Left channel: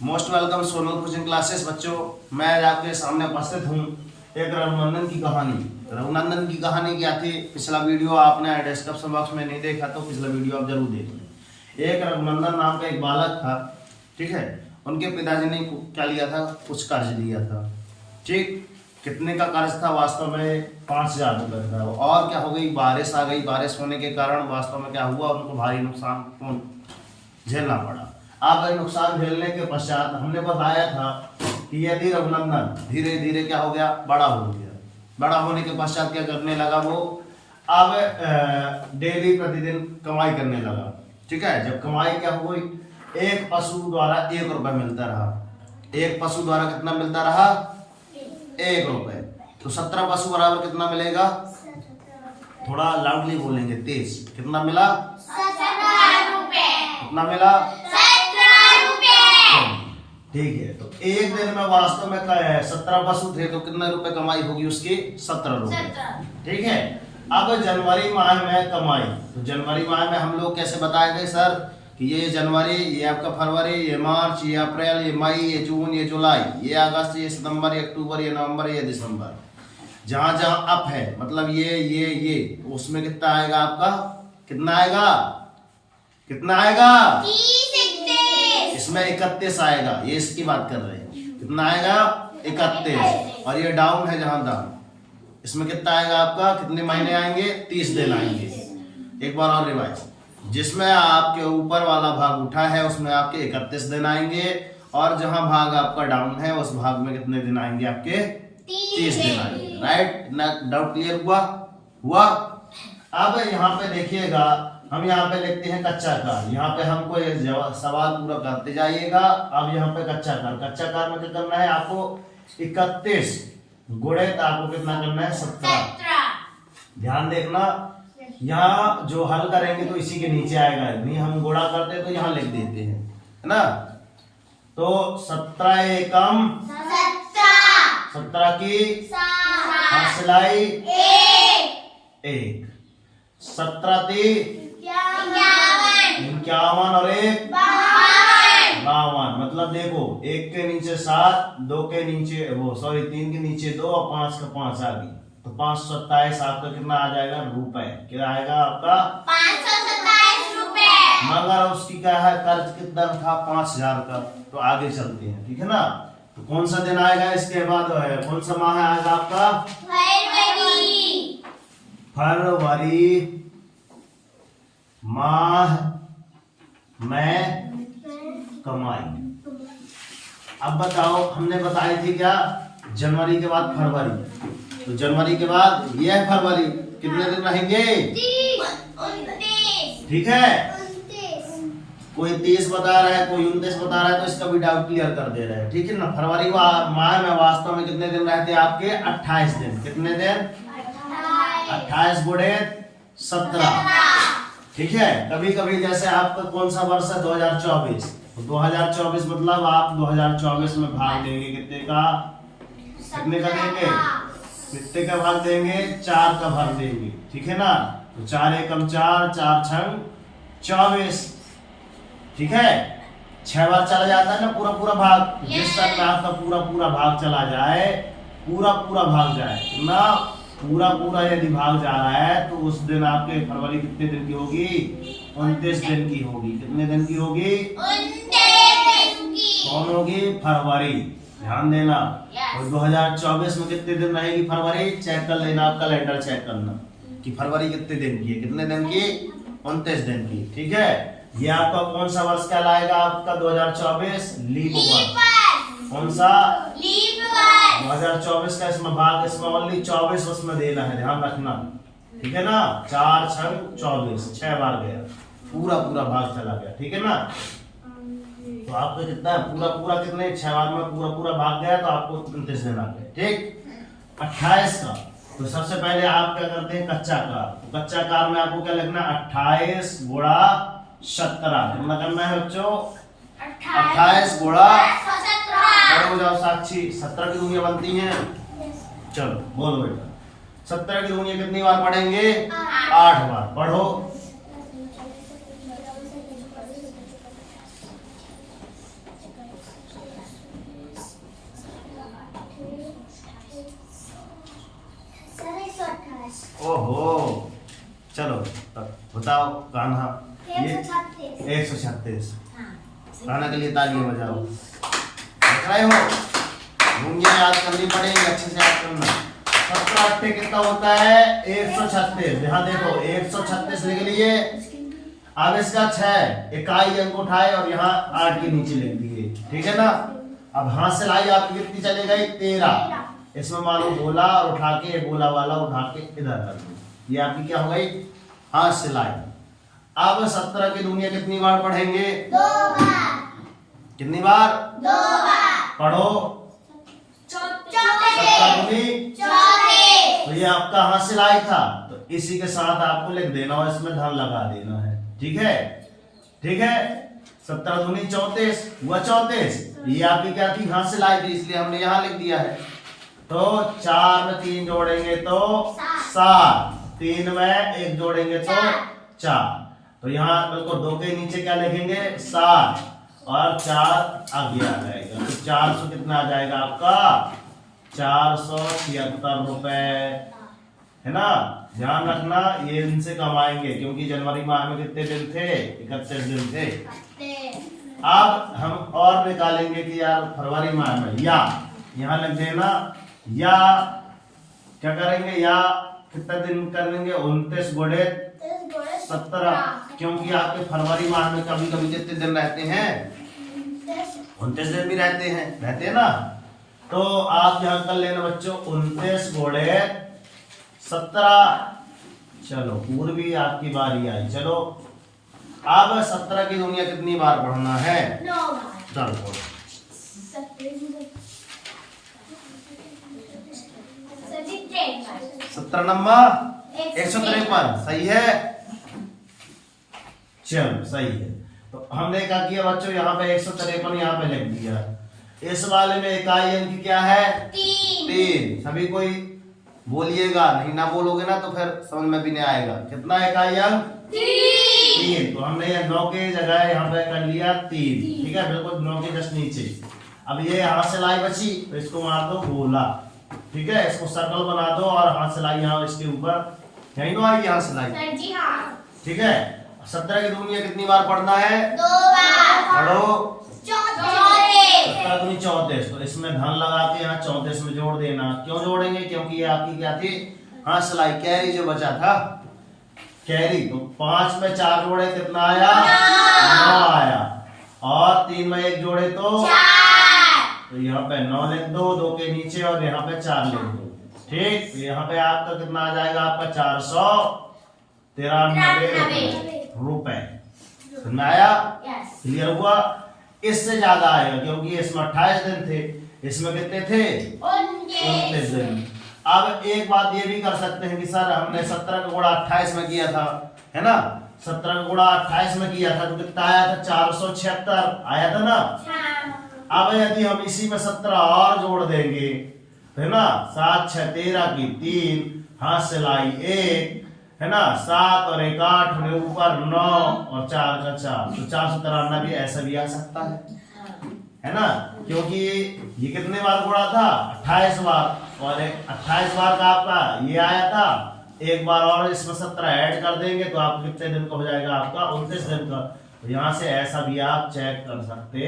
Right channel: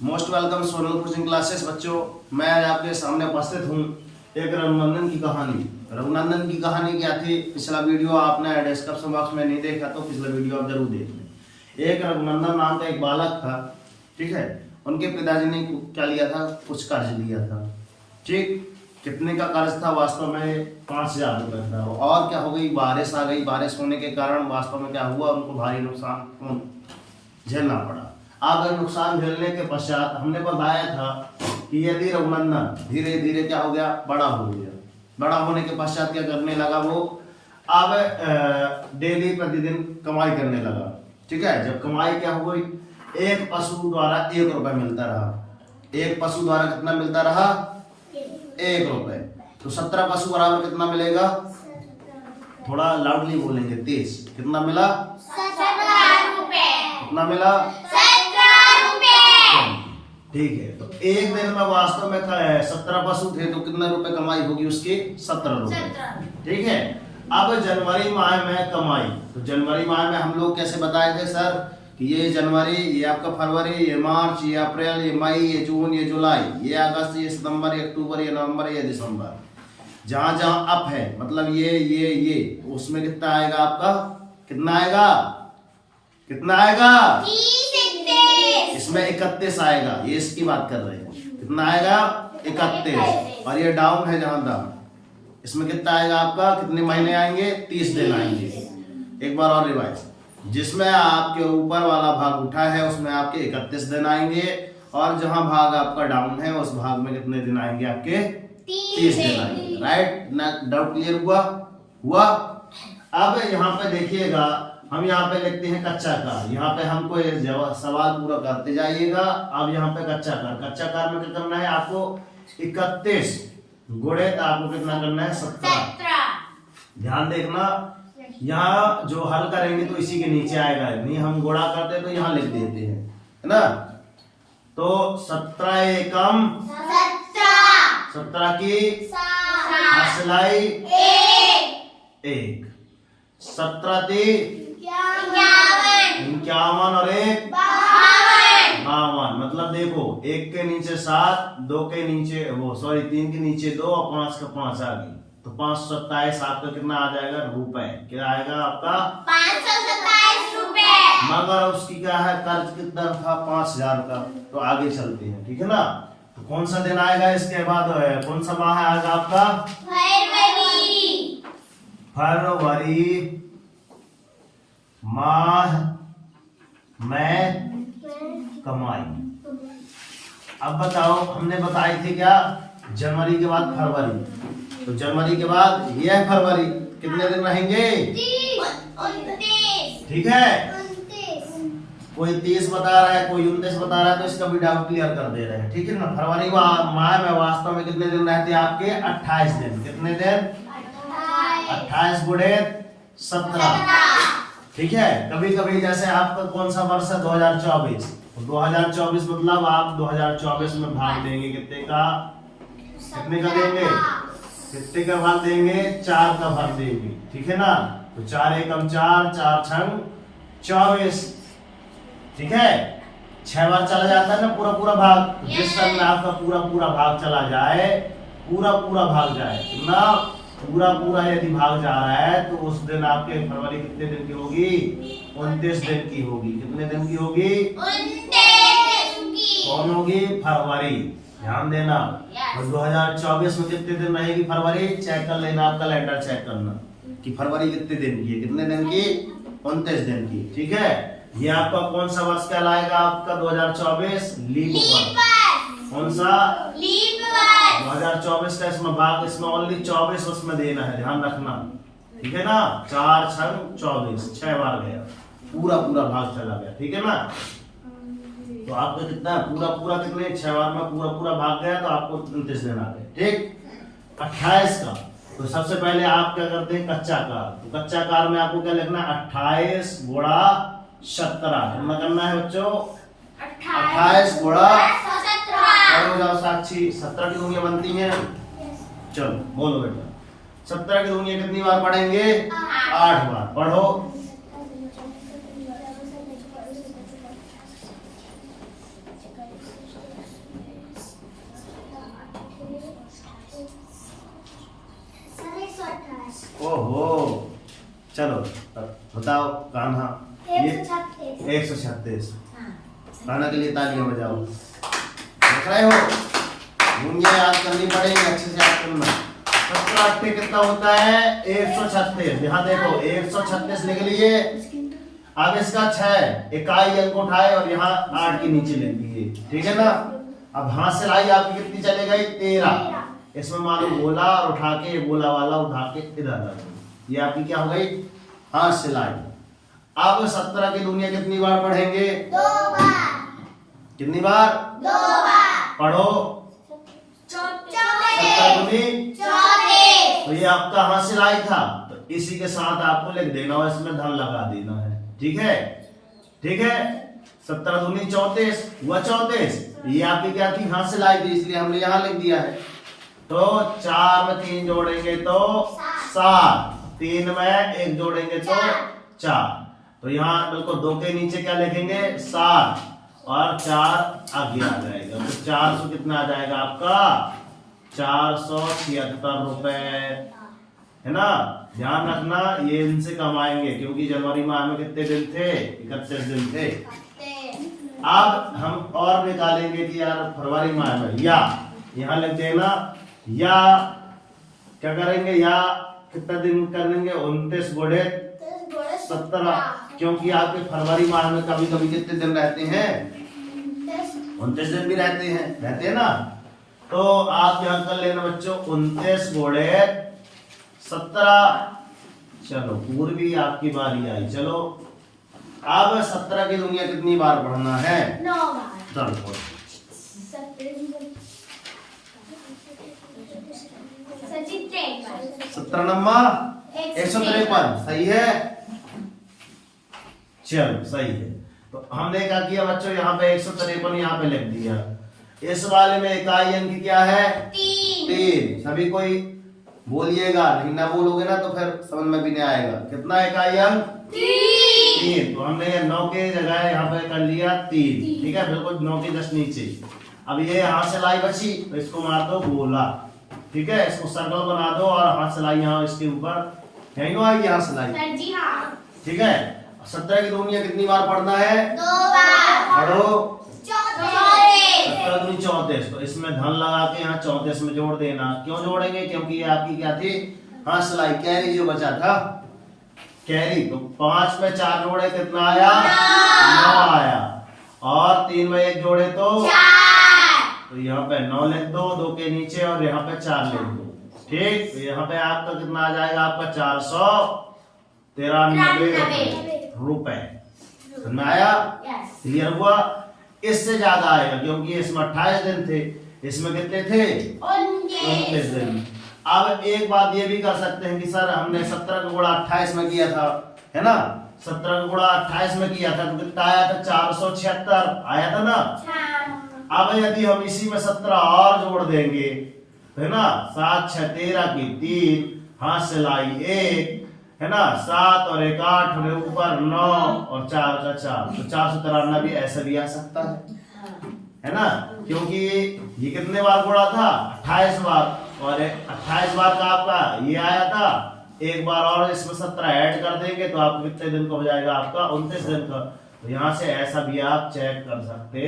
Most welcome Sonal coaching classes. बच्चों, मैं आज आपके सामने उपस्थित हूँ एक रघुनंदन की कहानी। रघुनंदन की कहानी क्या थी? पिछला वीडियो आपने डिस्क्रिप्शन बॉक्स में नहीं देखा तो पिछला वीडियो आप जरूर देख लें। एक रघुनंदन नाम का एक बालक था, ठीक है। उनके पिताजी ने क्या लिया था? कुछ कर्ज लिया था, ठीक। कितने का कर्ज था? वास्तव में 5,000 रुपये था। और क्या हो गई? बारिश आ गई। बारिश होने के कारण वास्तव में क्या हुआ? उनको भारी नुकसान झेलना पड़ा। अब नुकसान झेलने के पश्चात हमने बताया था कि यदि रघुनंदन धीरे धीरे क्या हो गया? बड़ा हो गया। बड़ा होने के पश्चात क्या करने लगा? वो अब डेली प्रतिदिन कमाई करने लगा, ठीक है। जब कमाई क्या हो गई? एक पशु द्वारा 1 रुपये मिलता रहा। एक पशु द्वारा कितना मिलता रहा? 1 रुपये। तो 17 पशु बराबर कितना मिलेगा? थोड़ा लाउडली बोलेंगे, तेज। कितना मिला? 17 रुपए। कितना मिला? 17 रुपए। ठीक है। तो एक दिन में वास्तव में 17 पशु थे, तो कितने रुपए कमाई होगी उसकी? 17 रुपए, ठीक है। अब जनवरी माह में कमाई, तो जनवरी माह में हम लोग कैसे बताए थे सर कि ये जनवरी, ये आपका फरवरी, ये मार्च, ये अप्रैल, ये मई, ये जून, ये जुलाई, ये अगस्त, ये सितंबर, ये अक्टूबर, ये नवंबर, ये दिसंबर। जहां जहां अप है मतलब ये उसमें कितना आएगा आपका? कितना आएगा? कितना आएगा? 30। इसमें 31 आएगा। ये इसकी बात कर रहे हैं। कितना आएगा? 31। और ये डाउन है जहां डाउन, इसमें कितना आएगा आपका? कितने महीने आएंगे? 30 दिन आएंगे। एक बार और रिवाइज। जिसमें आपके ऊपर वाला भाग उठा है उसमें आपके 31 दिन आएंगे, और जहां भाग आपका डाउन है उस भाग में कितने दिन आएंगे? आपके 30 दिन आएंगे। राइट ना? डाउट क्लियर हुआ? अब यहाँ पे देखिएगा, हम यहाँ पे लिखते हैं कच्चा कार। यहाँ पे हमको ये सवाल पूरा करते जाइएगा। अब यहाँ पे कच्चा कार, कच्चा कार में क्या करना है आपको? 31 गुणे आपको कितना करना है? 17। ध्यान देखना, यहाँ जो हल करेंगे तो इसी के नीचे आएगा, नहीं हम गुणा करते तो यहाँ लिख देते हैं, है ना। तो 17 एकम 17 की हसलाई 1, 17 × 51 और 1 52। मतलब देखो, 1 के नीचे 7, 2 के नीचे 3 के नीचे 2 और 5 का 5 आ गई। तो 527 आपका कितना आ जाएगा? रुपए। क्या आएगा आपका? 527 रुपए। मगर उसकी क्या है? कर्ज कितना था? 5,000 का। तो आगे चलते हैं, ठीक है ना। तो कौन सा दिन आएगा इसके बाद? कौन सा माह आएगा आपका? फरवरी माह में कमाई। अब बताओ, हमने बताई थी क्या? जनवरी के बाद फरवरी, तो जनवरी के बाद यह है फरवरी। कितने दिन रहेंगे? 29। ठीक है। कोई 30 बता रहा है, कोई 29 बता रहा है, तो इसका भी डाउट क्लियर कर दे रहे हैं, ठीक है ना। फरवरी माह में वास्तव में कितने दिन रहते हैं आपके? 28 दिन। कितने दिन? 28 गुणे 17, ठीक है। कभी कभी जैसे आपका कौन सा वर्ष है? 2024। 2024 मतलब आप 2024 में भाग देंगे कितने का? कितने का देंगे? कितने का भाग देंगे? 4 का भाग देंगे, ठीक है ना। तो 4 एकम 4, 4 छंग 24, ठीक है। 6 बार चला जाता है ना पूरा भाग। जिस समय में आपका पूरा भाग चला जाए, पूरा भाग जाए ना, पूरा यदि भाग जा रहा है तो उस दिन आपके फरवरी कितने दिन की होगी? 29 दिन की होगी। कितने दिन की होगी? 29 दिन की। कौन होगी? फरवरी। ध्यान देना। और 2024 में कितने दिन रहेगी फरवरी? चेक कर लेना, कैलेंडर चेक करना कि फरवरी कितने दिन की है। कितने दिन की? 29 दिन की, ठीक है। ये आपका कौन सा वर्ष कहलाएगा? आपका 2024 लीप वर्ष। कौन सा? लीप वर्ष। 2024 का इसमें भाग, इसमें ओनली 24 उसमें देना है, ध्यान रखना, ठीक है ना। 4 छंग 24, 6 बार गया, पूरा भाग चला गया, ठीक है ना। तो आपका कितना है? पूरा कितने? 6 बार में पूरा भाग गया, तो आपको 29 दिन आ गए, ठीक। 28 का, तो सबसे पहले आप क्या करते हैं? कच्चा कार। तो कच्चा कार में आपको क्या लिखना है? 28 गुणा 17। कितना करना है बच्चों? 28 गुणा 17। हो जाओ साक्षी, 17 की दूनिया बनती हैं। चलो बोलो बेटा, 17 की दूनिया कितनी बार पढ़ेंगे? 8 बार। पढ़ो। ओहो, चलो बताओ कान्हा। ये 136। कान्हा के लिए तालियां बजाओ। देख रहे हो, मुझे याद करनी पड़ेगी, अच्छे से याद करना। 17 अट्ठे कितना होता है? 136। यहाँ देखो 136 लिख लिए। अब इसका 6 इकाई अंक उठाए और यहाँ 8 के नीचे लिख दिए, ठीक है ना। अब हाथ से लाई आपकी कितनी चले गई? 13। इसमें मानो गोला और उठा के गोला वाला उठा के इधर रख दो। ये आपकी क्या हो गई? हाथ से लाई। अब 17 की दुनिया कितनी बार पढ़ेंगे? 2 बार। कितनी बार? 2 बार। पढ़ो। 17 दूनी 34। तो ये आपका हाथ से लाई था, तो इसी के साथ आपको लिख देना और इसमें धन लगा देना है, ठीक है? ठीक है। 17 दूनी 34 हुआ 34। ये आपकी क्या थी? हाथ से लाई थी, इसलिए हमने यहाँ लिख दिया है। तो 4 में 3 जोड़ेंगे तो 7, 3 में 1 जोड़ेंगे तो 4। तो यहाँ बिल्कुल 2 के नीचे क्या लिखेंगे? 7 और 4 आगे आ जाएगा। तो 400 कितना आ जाएगा आपका? 476 रुपए, है ना। ध्यान रखना, ये इनसे कमाएंगे क्योंकि जनवरी माह में कितने दिन थे? 31 दिन थे। अब हम और निकालेंगे कि यार फरवरी माह में, या यहाँ लग देना, या क्या करेंगे? या कितना दिन करेंगे? 29 गुणे 17, क्योंकि आपके फरवरी माह में कभी कभी कितने दिन रहते हैं? 29 दिन भी रहते हैं ना। तो आप यहाँ कर लेना बच्चों 29 गुणे 17। चलो पूर्वी आपकी बारी आई। चलो अब 17 की दुनिया कितनी बार पढ़ना है? 9 बार। चलो 17 नंबर 153। सही है, चलो सही है। तो हमने क्या किया बच्चों? यहाँ पे 153 यहाँ पे लिख दिया। इस वाले में इकाई अंक क्या है? 3। सभी कोई बोलिएगा, नहीं ना बोलोगे ना तो फिर समझ में भी नहीं आएगा। कितना इकाई अंक? 3। तो हमने ये 9 के जगह यहाँ पे कर लिया 3, ठीक है, बिल्कुल 9 के जस्ट नीचे। अब ये हाथ से लाई बची तो इसको मार दो गोला, ठीक है, इसको सर्कल बना दो और हाथ से लाई यहाँ इसके ऊपर, यही ना आएगी हाथ से लाई, सर जी हाँ। ठीक है। 17 की दुनिया कितनी बार पढ़ना है? 2 बार। पढ़ो। 34। 17 दूनी 34। तो इसमें धन लगा के यहाँ 34 में जोड़ देना। क्यों जोड़ेंगे? क्योंकि ये आपकी क्या थी? हाथ से लाई, कैरी जो बचा था, कैरी। तो 5 में 4 जोड़े कितना आया? 9 आया। और 3 में 1 जोड़े तो 4। तो यहाँ पे 9 लिख दो 2 के नीचे और यहाँ पे 4 लिख दो, ठीक। तो यहाँ पे आपका कितना आ जाएगा? आपका 493 रुपए। समझ आया? क्लियर हुआ? इससे ज्यादा आएगा क्योंकि इसमें 28 दिन थे, इसमें कितने थे? 19 दिन। अब एक बात ये भी कर सकते हैं कि सर हमने 17 का गुणा 28 में किया था, है ना, 17 का गुणा 28 में किया था तो कितना आया था? 476 आया था ना। अब यदि हम इसी में 17 और जोड़ देंगे, है ना, 7 6 13 की 3, हाथ से लाई 1, है ना, 7 और 1 8 और ऊपर 9 और 4 का 4, तो 493 भी ऐसा भी आ सकता है ना, क्योंकि ये कितने बार गुणा था? 28 बार, और 28 बार का आपका ये आया था। एक बार और इसमें 17 ऐड कर देंगे तो आपको कितने दिन का हो जाएगा? आपका 29 दिन का। तो यहाँ से ऐसा भी आप चेक कर सकते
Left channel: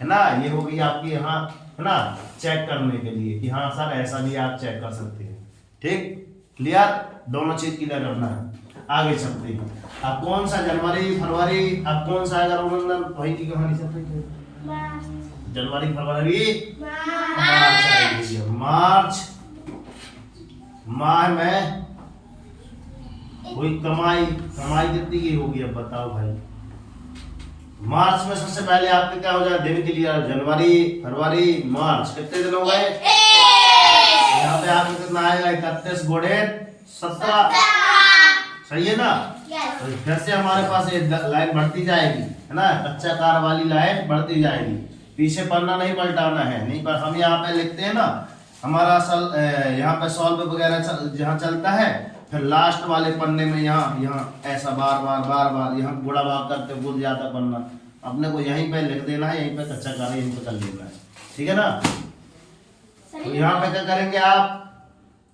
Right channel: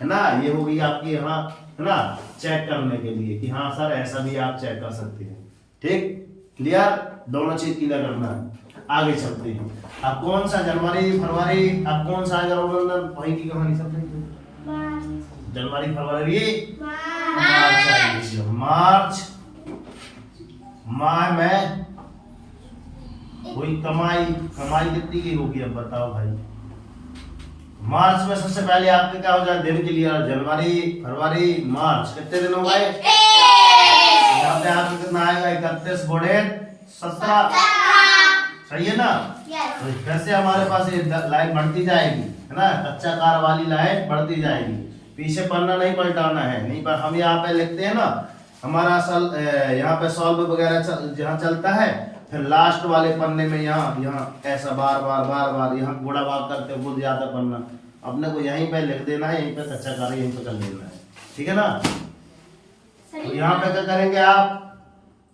है ना। ये होगी आपकी यहाँ, है ना, चेक करने के लिए कि हाँ सर ऐसा भी आप चेक कर सकते हैं, ठीक। क्लियर? दोनों चीज क्लियर करना है। आगे चलते हैं। अब कौन सा जनवरी फरवरी, अब कौन सा आएगा रघुनंदन? वही की कहानी सब जनवरी फरवरी मार्च माह में कोई कमाई कितनी की होगी? अब बताओ भाई। मार्च में सबसे पहले आपके क्या हो जाए? दिन के लिए जनवरी फरवरी मार्च, कितने दिन हो गए? यहाँ पे आपको कितना आएगा? 31 गुणे 17। सही है ना। तो फिर से हमारे पास ये लाइन बढ़ती जाएगी, है ना, कच्चा कार वाली लाइन बढ़ती जाएगी। पीछे पन्ना नहीं पलटाना है, नहीं पर हम यहाँ पे लिखते हैं ना, हमारा यहाँ पे सॉल्व वगैरह जहाँ चलता है, फिर लास्ट वाले पन्ने में यहाँ ऐसा बार बार यहाँ गुणा भाग करके भूल जाता पन्ना, अपने को यहीं पे लिख देना है, यहीं पे कच्चा कार यहीं पे कर लेना है, ठीक है ना। तो यहाँ पे क्या करेंगे आप?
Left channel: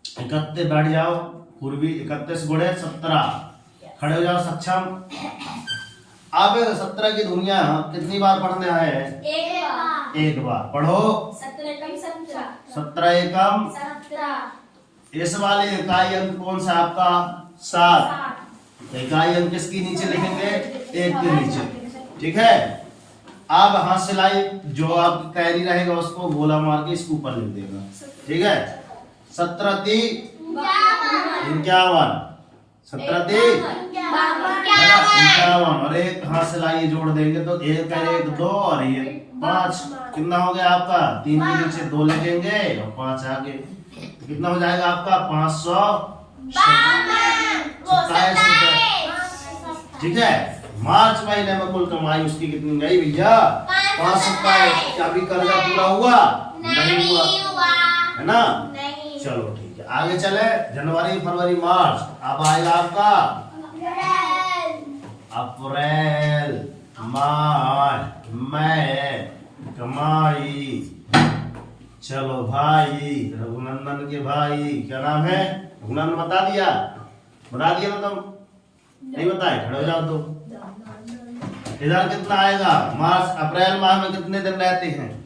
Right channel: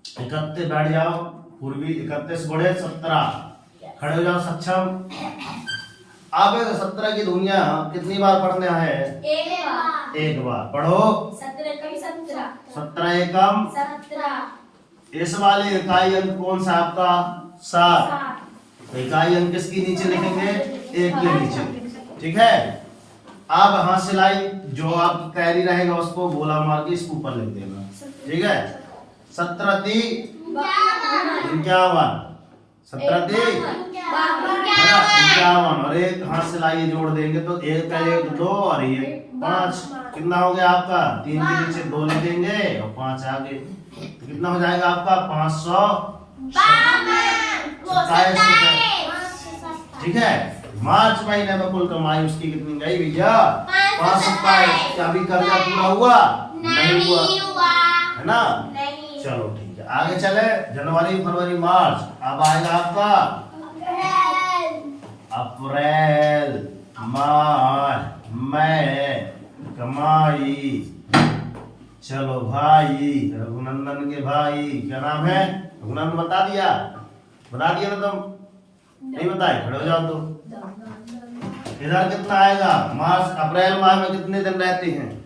31 बैठ जाओ, पूर्वी 31 गुणे 17, खड़े हो जाओ सक्षम। आप 17 की दुनिया कितनी बार पढ़ने आए हैं? एक बार। एक बार पढ़ो। 17 कम 17। 17 एकम 17। इस वाले इकाई अंक कौन सा आपका? 7। तो इकाई अंक किसकी नीचे लिखेंगे? 1 के नीचे। ठीक है, आप हाथ सिलाई जो आपकी कैरी रहेगा उसको गोला मार के इसके ऊपर लिख देगा। ठीक है, 17 × 3 51, 17 × 3 51, और एक हाथ सिलाई जोड़ देंगे तो 1 1 2 और ये 5। कितना हो गया आपका? 3 के नीचे 2 लिखेंगे और 5 आगे, तो कितना हो जाएगा आपका? 527 रुपए। ठीक है, मार्च महीने में कुल कमाई उसकी कितनी गई भैया? 527। क्या अभी कर्जा पूरा हुआ? नहीं हुआ, है ना? चलो ठीक है, आगे चले। जनवरी फरवरी मार्च, अब आएगा आपका अप्रैल मार्च मई कमाई। चलो भाई, रघुनंदन के भाई क्या नाम है? रघुनंदन बता दिया ना तुम? नहीं बताए, खड़े हो जाओ। तो इधर कितना आएगा? मार्च अप्रैल माह में कितने दिन रहते हैं?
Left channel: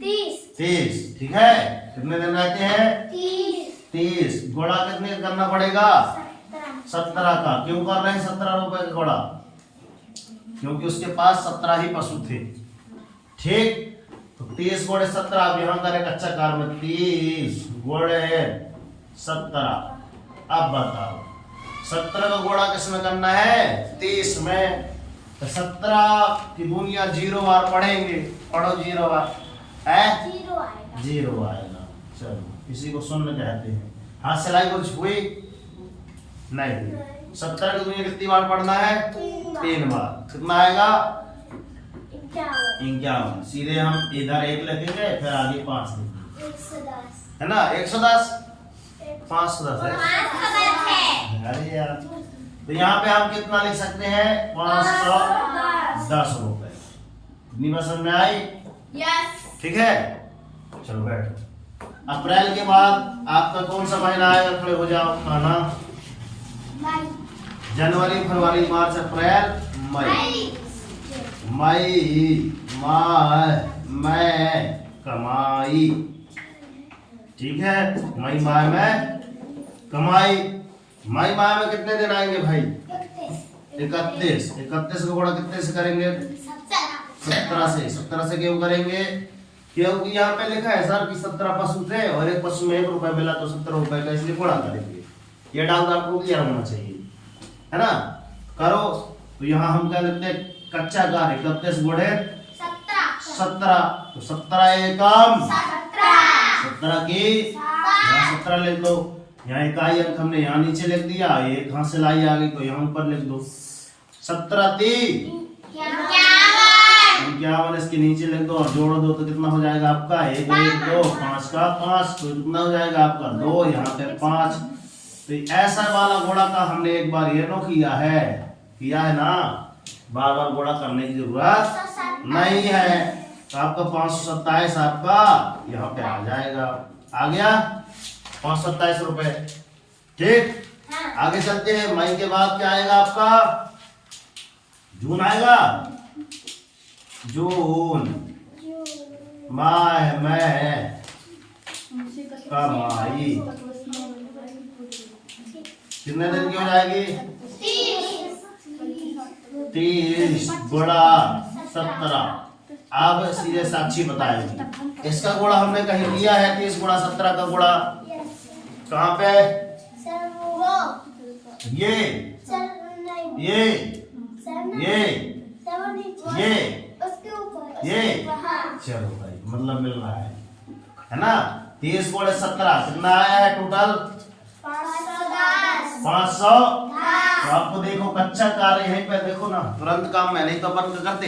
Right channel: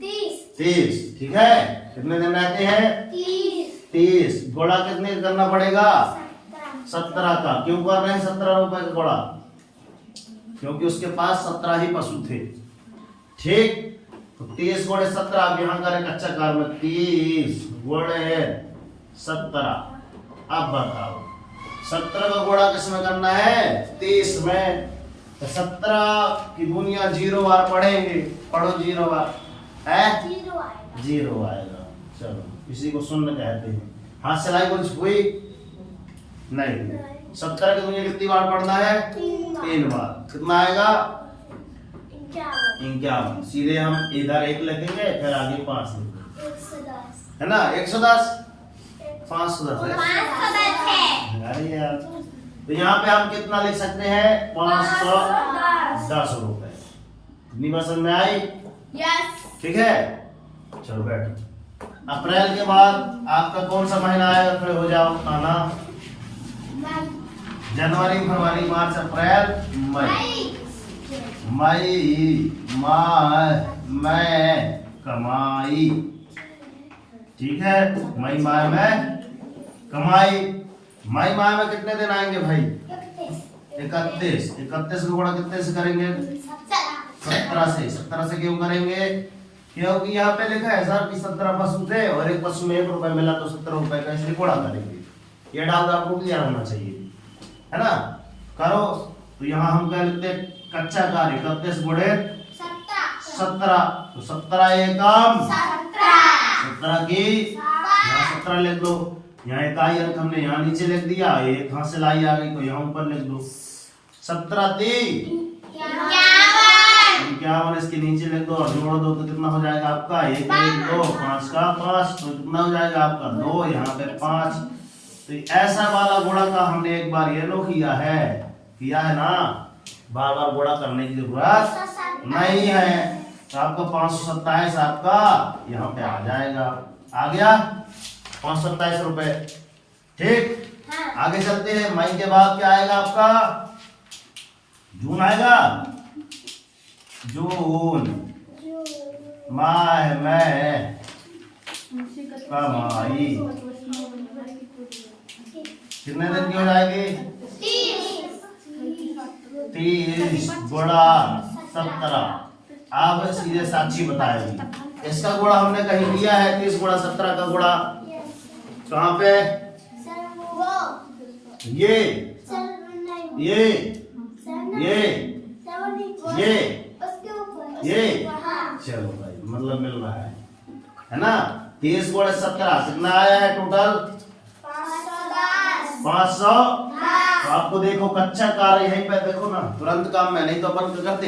30। ठीक है, कितने दिन रहते हैं? 30। घोड़ा कितने करना पड़ेगा? 17 का। क्यों कर रहे हैं 17 रुपए का घोड़ा? क्योंकि उसके पास 17 ही पशु थे। ठीक, तो 30 घोड़े 17। आप यहाँ करें कच्चा कार में 30 घोड़े 17। अब बताओ 17 का घोड़ा किसमें करना है? 30 में। तो 17 की दुनिया 0 बार पढ़ेंगे। पढ़ो 0 बार है? 0 आएगा। चलो, इसी को शून्य कहते हैं। हाथ सिलाई कुछ हुई नहीं। 17 की दुनिया कितनी बार पढ़ना है? 3 बार। कितना आएगा? 51। सीधे हम इधर 1 लिखेंगे, फिर आगे 5 लिखेंगे, है ना? 110 510 है। अरे यार, तो यहाँ पे हम कितना लिख सकते हैं? 510 रुपए। कितनी बार समझ में आई? ठीक है, चलो बैठो। अप्रैल के बाद आपका कौन सा महीना आएगा? खड़े हो जाओ। आना जनवरी फरवरी मार्च अप्रैल मई। मई कमाई। ठीक है, मई माह में कमाई। मई माह में कितने दिन आएंगे भाई? 31। 31 का गुणा कितने से करेंगे? 17 से। 17 से क्यों करेंगे? क्योंकि यहाँ पे लिखा है सर कि 17 पशु थे और एक पशु में 1 रुपए मिला, तो 17 रुपए का इसलिए गुणा करेंगे। ये डाल तो आपको क्लियर होना चाहिए, है ना? करो। तो यहाँ हम क्या लिखते हैं? कच्चा कार 31 गुणे 17। तो 17 एकम 17 की यहाँ 17 लिख दो। यहाँ इकाई अंक हमने यहाँ नीचे लिख दिया, एक हाथ से लाई आ गई तो यहाँ ऊपर लिख दो। 17 × 51 इसके नीचे लिख दो और जोड़ दो तो कितना हो जाएगा आपका? 1 1 2 5 का 5। तो कितना हो जाएगा आपका? 2। यहाँ पे 5। तो ऐसा वाला गुणा का हमने एक बार ये नो किया है ना? बार बार गुणा करने की जरूरत नहीं है। तो आपका 527 आपका यहाँ पे आ जाएगा। आ गया 527 रुपए। ठीक, आगे चलते हैं। मई के बाद क्या आएगा आपका? जून आएगा। जून माह में कमाई कितने दिन की हो जाएगी? 30 गुणा 17। आप सीधे साक्षी बताएगी। इसका गुणा हमने कहीं लिया है? 30 गुणा 17 का गुणा कहाँ पे? ये चलो भाई, मतलब मिल रहा है ना? 30 गुणे 17 कितना आया है टोटल? 500। तो आपको देखो कच्चा कार्य यहीं पे देखो ना, तुरंत काम में नहीं तो अपन करते।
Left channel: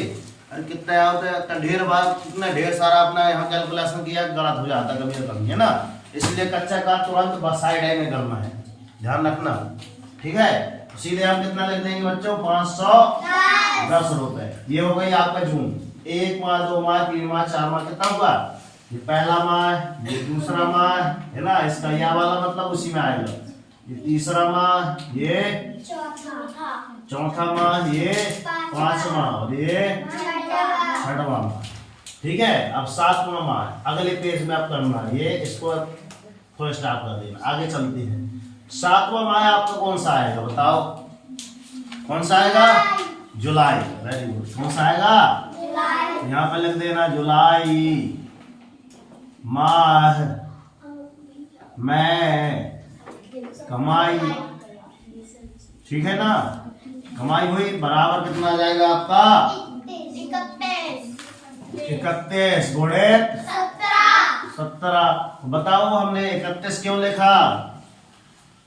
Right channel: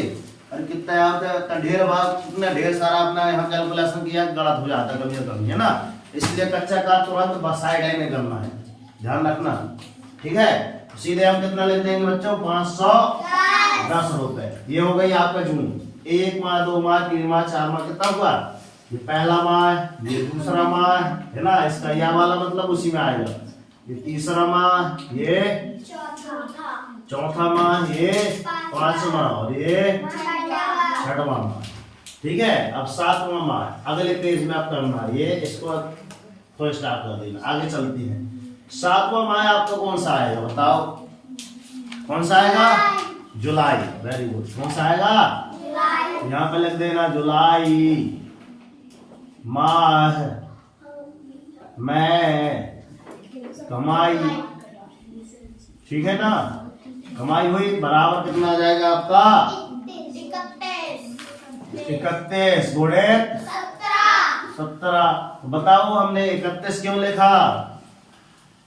अरे कितना होता है ढेर बार, कितना ढेर सारा अपना यहाँ कैलकुलेशन किया, गलत हो जाता कभी कभी, है ना? इसलिए कच्चा कार्य तुरंत साइड में करना है, ध्यान रखना। ठीक है, सीधे हम कितना लिख देंगे बच्चों? 510 रुपए। ये हो गई आपका जून। 1 माह 2 माह 3 माह 4 माह कितना हुआ? ये पहला माह है, ये दूसरा माह है ना, इसका या वाला मतलब उसी में आएगा। ये तीसरा माह, ये चौथा माह, ये पांचवा और ये छठवां माह। ठीक है, अब सातवां माह अगले पेज में आप करना है, ये इसको थोड़ा स्टार्ट कर देना, आगे चलती है। सातवां माह आपको कौन सा आएगा बताओ, कौन सा आएगा? जुलाई। Very good. कौन सा आएगा? यहाँ पे लिख देना जुलाई माह में कमाई। ठीक है ना, कमाई हुई बराबर कितना आ जाएगा आपका? 31 गुणे 17। बताओ हमने 31 क्यों लिखा?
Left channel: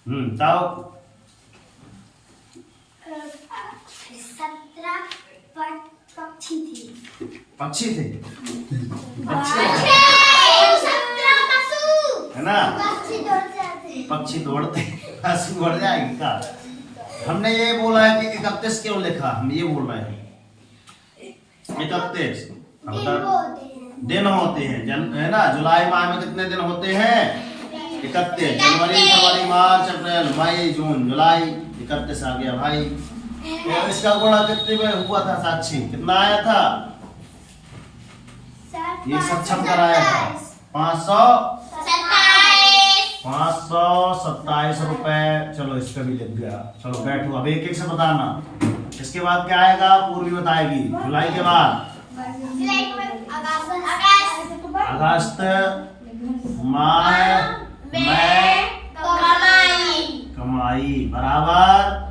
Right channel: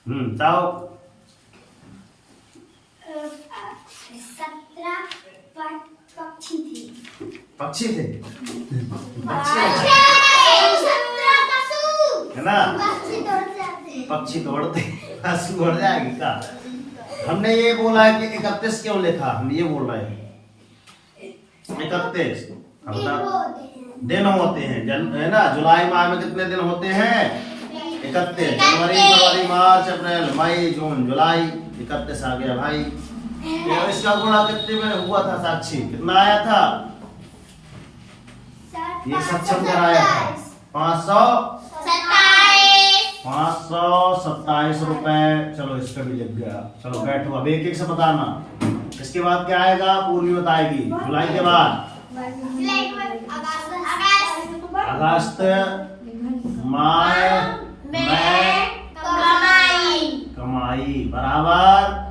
बताओ। 17 पक्षी थे। पक्षी थे है ना, पक्षी दौड़ते पशु उड़ जाएगी का। हमने ये बोला है कि 31 क्यों लिखा, हम ये बोल रहे हैं 31 दिन होते हैं है ना। जुलाई माह में कितने दिन होते हैं? 31। जनवरी, फरवरी, मार्च, अप्रैल, मई, जून, जुलाई 31 आ गया भाई। तो इसका गुणा कितने में हुआ था साक्षी? कितना आया था? ये सक्षम कराया था 527 रुपए। चलो इसका भी लिख गया। चलो बैठो, अब एक एक से बताना। इसके बाद क्या आएगा? पूर्वी बताएगी। जुलाई के बाद अगस्त माह में कमाई बराबर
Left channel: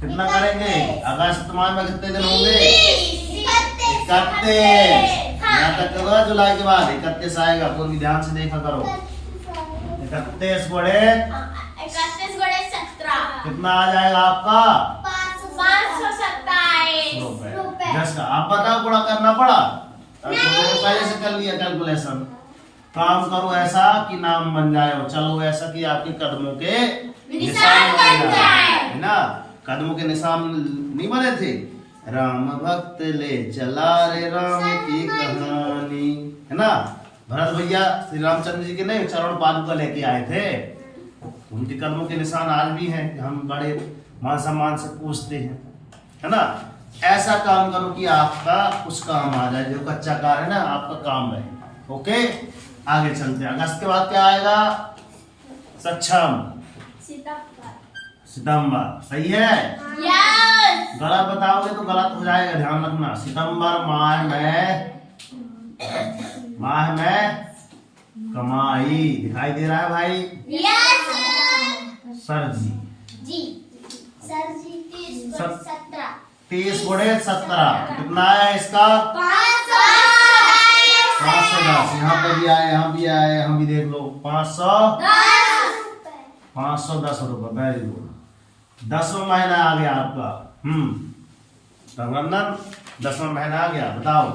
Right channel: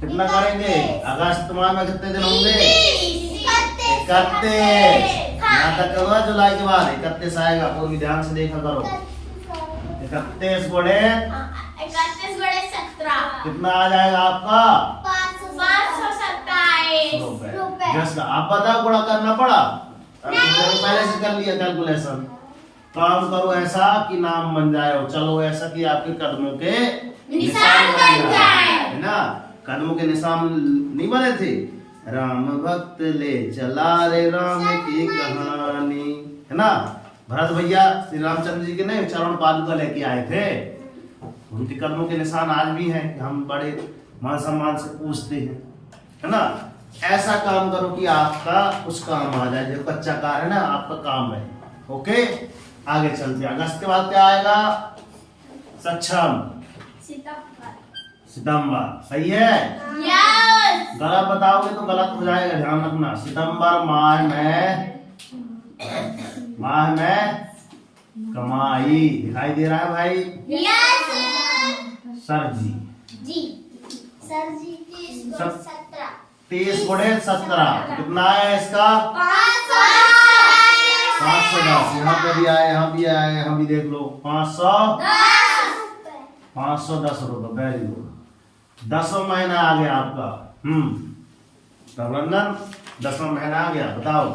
कितना करेंगे? अगस्त माह में कितने दिन होंगे? 31। यहाँ तक करो, जुलाई के बाद 31 आएगा। पूरी ध्यान से देखा करो। 31 गुणे 17 कितना आ जाएगा आपका? 527 रुपए। जस्ट आप बताओ, गुणा करना पड़ा? पहले से कर लिया कैलकुलेशन। काम करो ऐसा कि नाम बन जाए। चलो ऐसा कि आपके कदमों के निशान बन जाए, है ना। कदमों के निशान नहीं बने थे? राम भक्त ले चला रे राम की कहानी, है ना। भरत भैया श्री रामचंद्र जी के नहीं चरण पादुका लेके आए थे, उनके कदमों के निशान आज भी हैं। हम बड़े मान सम्मान से पूछते हैं, है ना। ऐसा काम करो कि आपका कुछ काम आ जाए, जो कच्चा कार्य है ना आपका काम रहे। ओके, आगे चलते हैं। अगस्त के बाद क्या आएगा? सक्षम सितंबर। सही है? गलत बताओगे तो गलत हो जाएगा, ध्यान रखना। सितंबर माह में कमाई। दिखाई दे रहा है भाई? सर जी 30 गुणे 17 कितना है इसका? 510। यहाँ पे भी आए, यहाँ भी आए, यहाँ भी देख लो। 510 रुपए। Very good. 10वां महीना आ गया आपका। रघुनंदन 10वां महीना आ गया। बताओ।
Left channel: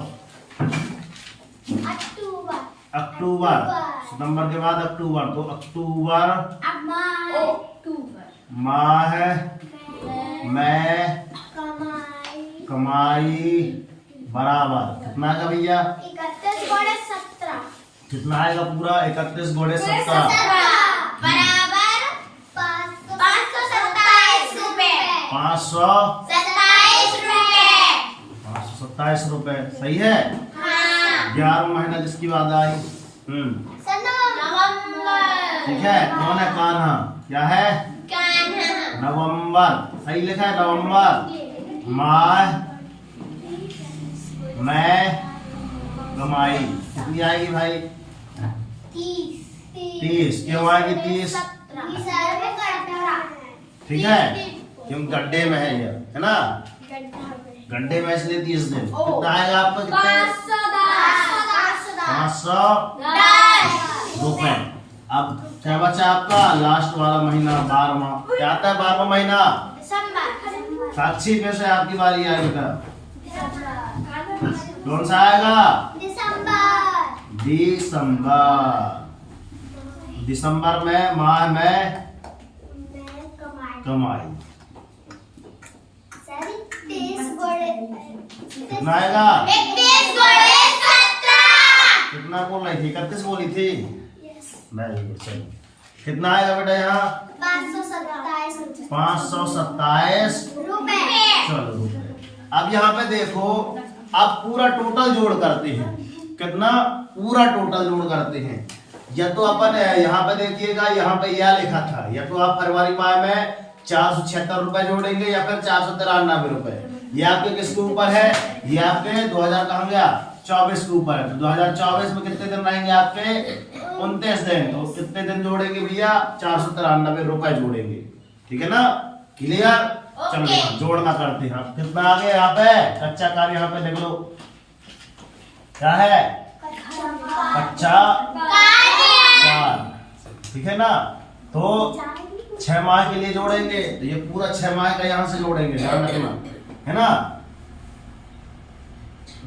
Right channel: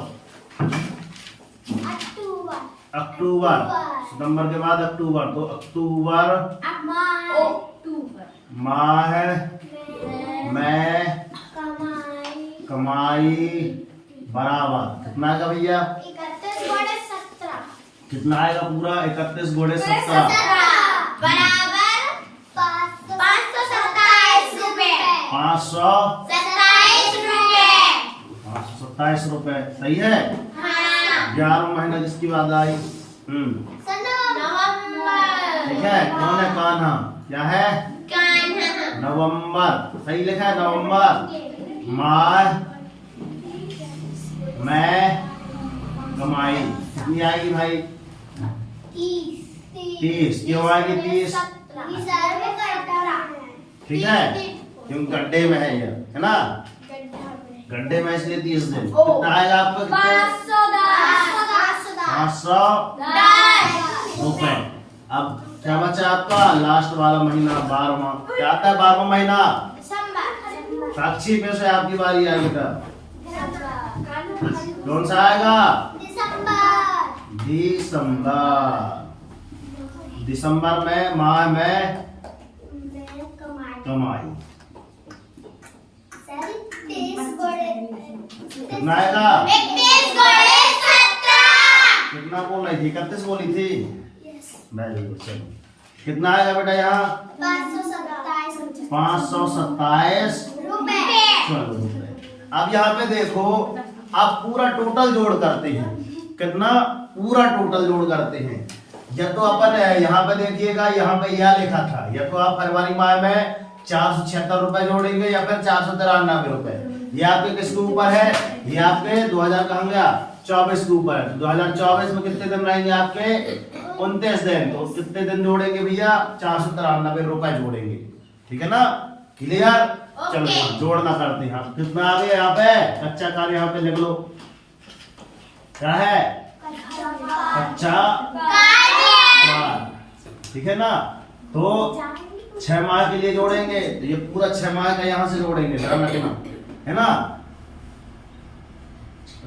अक्टूबर। सितंबर के बाद अक्टूबर, तो अक्टूबर माह में कमाई बराबर कितना आएगा भैया? 31 गुणे 17 कितना आएगा पूरा? 31 गुणे 17 बराबर 527 रुपए। 527 रुपए। सही है? 11वां महीना जिसकी बात आई। ठीक है। कौन है? कान्हा। क्या है? नवंबर। सही लिखा है, नवंबर माह में कमाई कितनी आएगी भाई? 30। क्यों आएगी 30? ठीक है, क्यों गड्ढे में है ये, है ना। गड्ढे में इसलिए 30 दिन। कितना आएगा आपका? 510 रुपए। अब क्या बचा आपका? लास्ट वाला महीना 12वां। क्या आता है 12वां महीना? साक्षी पे से आपकी बारी आएगी था। कौन सा आएगा? दिसंबर में माह में कमाई कितना आएगा? 31 गुणे 17 कितना कितना बोल रही थी? 31 बोली थी। यस। Very good. चलो कितना आएगा बेटा यहाँ? 527 527 रुपए। चलो रुपए। अब यहाँ पे देखो, अब पूरा टोटल जोड़ करते हैं। कितना? पूरा टोटल जोड़ करते हैं। या तो अपन यहाँ पे देखिएगा, यहाँ पे यह लिखा था, या तो आप फरवरी माह में 476 रुपए जोड़ेंगे या फिर 493 रुपए। ये आपके किसके ऊपर है? ये आपके 2000 कहाँ गया? 24 के ऊपर है। 2024 में कितने दिन रहेंगे आपके? 29 दिन। तो कितने दिन जोड़ेंगे भैया? 493 रुपए जोड़ेंगे। ठीक है ना? क्लियर? चलो यहाँ जोड़ना करते हैं। आप कितना आ गया यहाँ पे? कच्चा कार्य यहाँ पे लिख लो। क्या है? कच्चा कार्य। ठीक है ना? तो 6 माह के लिए जोड़ेंगे, तो ये पूरा 6 माह का यहाँ से जोड़ेंगे, ध्यान रखना है ना।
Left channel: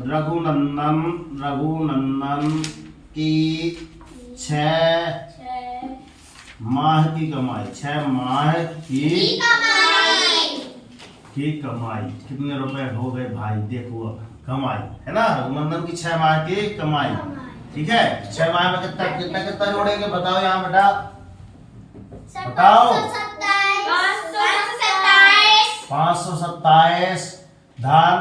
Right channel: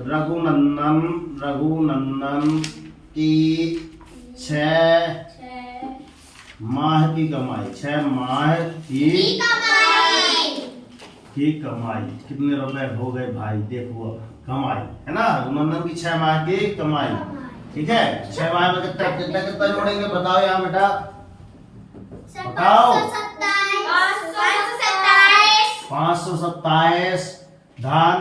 रघुनंदन की 6 माह की कमाई, 6 माह की कमाई कितने रुपए हो गए भाई? देखो कमाई है ना, रघुनंदन की 6 माह की कमाई। ठीक है, 6 माह में कितना कितना कितना जोड़ेंगे बताओ यहाँ बेटा, बताओ। 527 धन,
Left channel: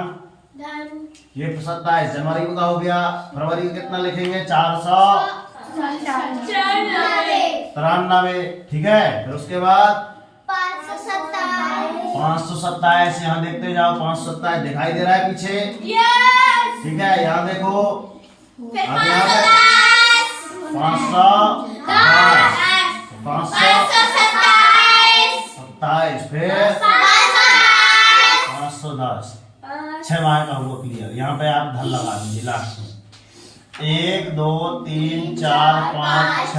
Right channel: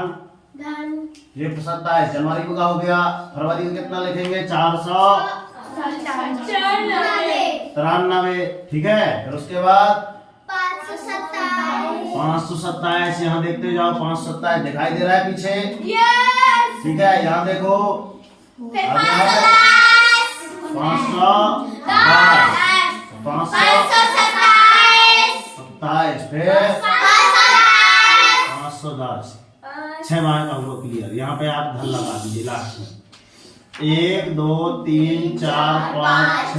ये 27 जनवरी का हो गया। फरवरी का कितना लिखेंगे? 493। ठीक है, फिर उसके बाद 527 यहाँ देखते जाओ। 527 दिखाई दे रहा है पीछे? ठीक है, यहाँ देखो। अब यहाँ पे 527 फिर 510। 6 माह का हुआ क्लियर। यहाँ पे आप धन लगा दीजिए लास्ट में। 1 2 3 4 5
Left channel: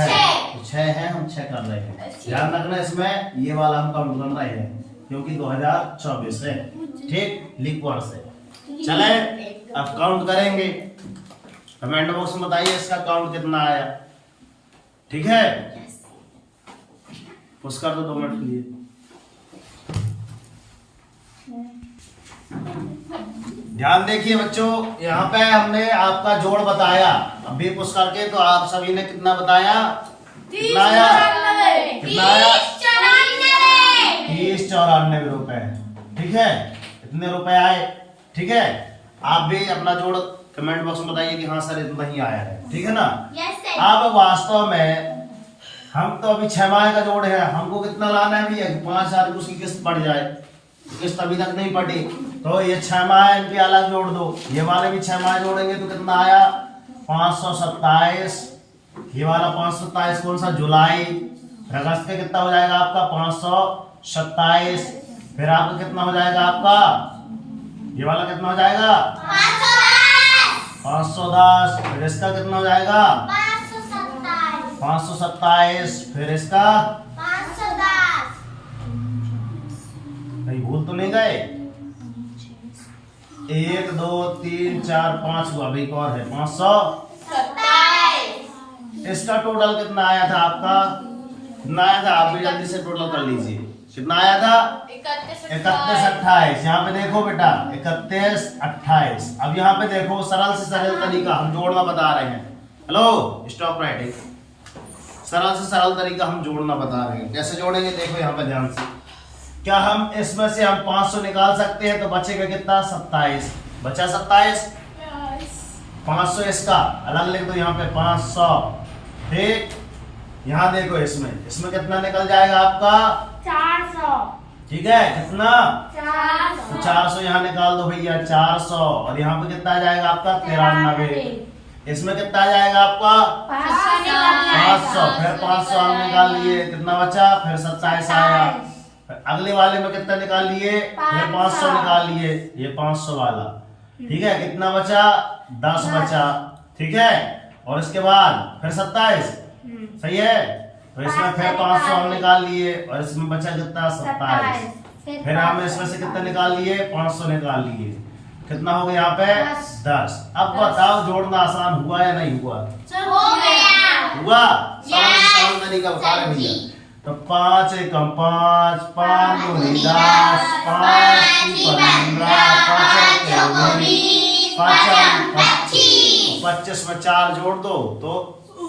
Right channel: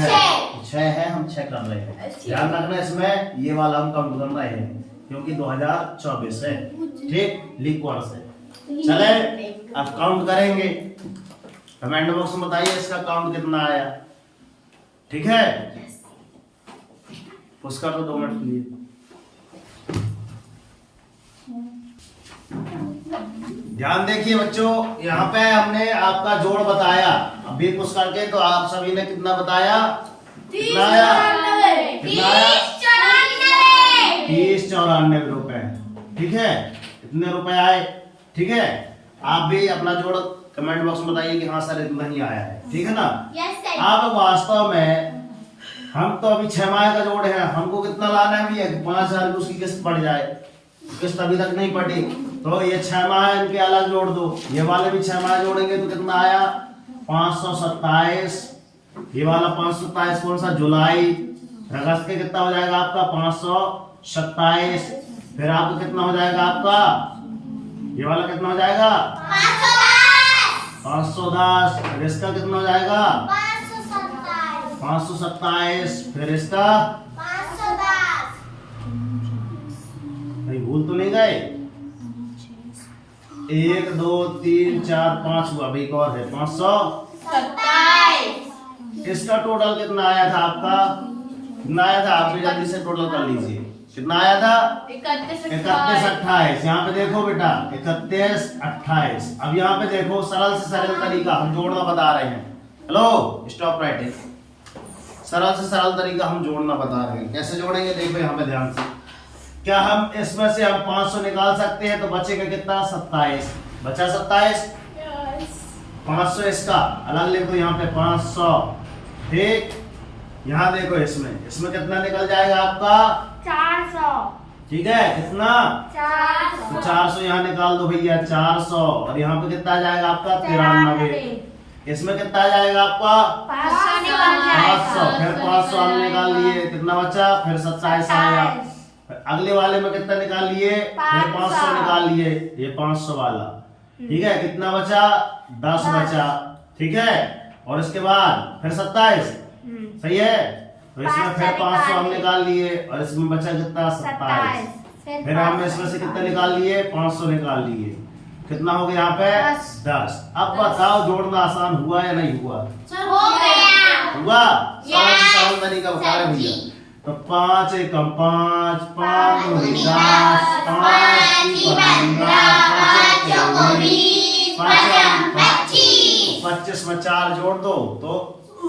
6 है, हम 6 कर रहे हैं। ध्यान रखना इसमें ये वाला हम काउंट कर रहे हैं क्योंकि 2024 है। ठीक, लीप वर्ष है। चले अब काउंट करेंगे। कमेंट बॉक्स में बताइए इसका काउंट कितना आया। ठीक है, पुश कर दो 2 मिनट के लिए। ध्यान देखिए बच्चों, यहाँ पे हमने आपका जोड़ बताया। अभी पुश करके तो आप सभी ने कितना बताया? कितना आया? कितना आया? 3094 रुपए। ठीक है, इतने रुपए आए। ठीक है, आप भी अपना जोड़ कमेंट बॉक्स में बताइए कि हाँ सर इतना ही आया है। ठीक है ना? आप वास्तव में हम तो अभी 6 माह का जोड़ है, हमको कितना लाना है भैया? 5000 की उसकी किस्त बढ़ जाए। किस्त अभी तक नहीं पड़ी तो ये 6 माह इनके अलग जोड़ दो। ये वाले भी 6 माह जोड़ेंगे तो कितना आया? 527। ये वाला 527 कौन सा? जुलाई। अगस्त के कितना हो जाएगा आपका? 527। फिर आपका कितना हो जाएगा आपका? ये वाला कितना हो जाएगा? 510। फिर इसका कितना हो जाएगा? 527। फिर इसका कहीं भूल तो नहीं गए? 1 2 3 4 5 हुआ, अभी एक और है 527। इसका टोटल कितना आया था आपका? कितना आया था? आप भी जल्दी से टोटल कर लीजिए। कितना आया था? 3128। यहाँ पे देखो बेटा, 3128। अब यहाँ पे देखो, सरल से सरल तरीका हम जोड़ना बता रहे हैं। Hello, stop writing. सरल से सरल तरीका हम जोड़ना बता रहे हैं। कैसे जोड़ेंगे देखो यहाँ पे ध्यान से। क्या हम इसमें से हम 500 निकाल सकते हैं? तो बचेगा कितना? 27। बचा 27। 500 इसका अलग लिख दो यहाँ पे 500। ठीक, यहाँ देखो इसमें कितना निकल जाएगा आपका? 400। ठीक है, कितना? 400। तो 400 यहाँ निकाल दो भैया, 400। और यहाँ पे कितना आ जाएगा आपका? 93। इसमें कितना आ जाएगा आपका? 500। फिर 500 हम निकाल लिए, कितना बचा? फिर 27 आया। अगले वाले में कितना निकाल लिए? फिर 500 निकाल लिए, ये 500 वाला। ठीक है, कितना बचा? 10 बचा। ठीक है, और इसके बाद फिर 27। सही है, तो इसमें फिर 500 हम निकाल लिए और इसमें बचा कितना? 27। फिर हम इसमें से कितना निकाल लिए? 500 निकाल लिए। कितना हो गया यहाँ पे? 10। अब बताओ जोड़ना आसान हुआ या नहीं हुआ? हुआ। सरल तरीका बता रहे भैया। तो 5 एकम 5, 5 दूनी 10, 5 की 15, 5 25, 25 इसमें 4 जोड़ दो तो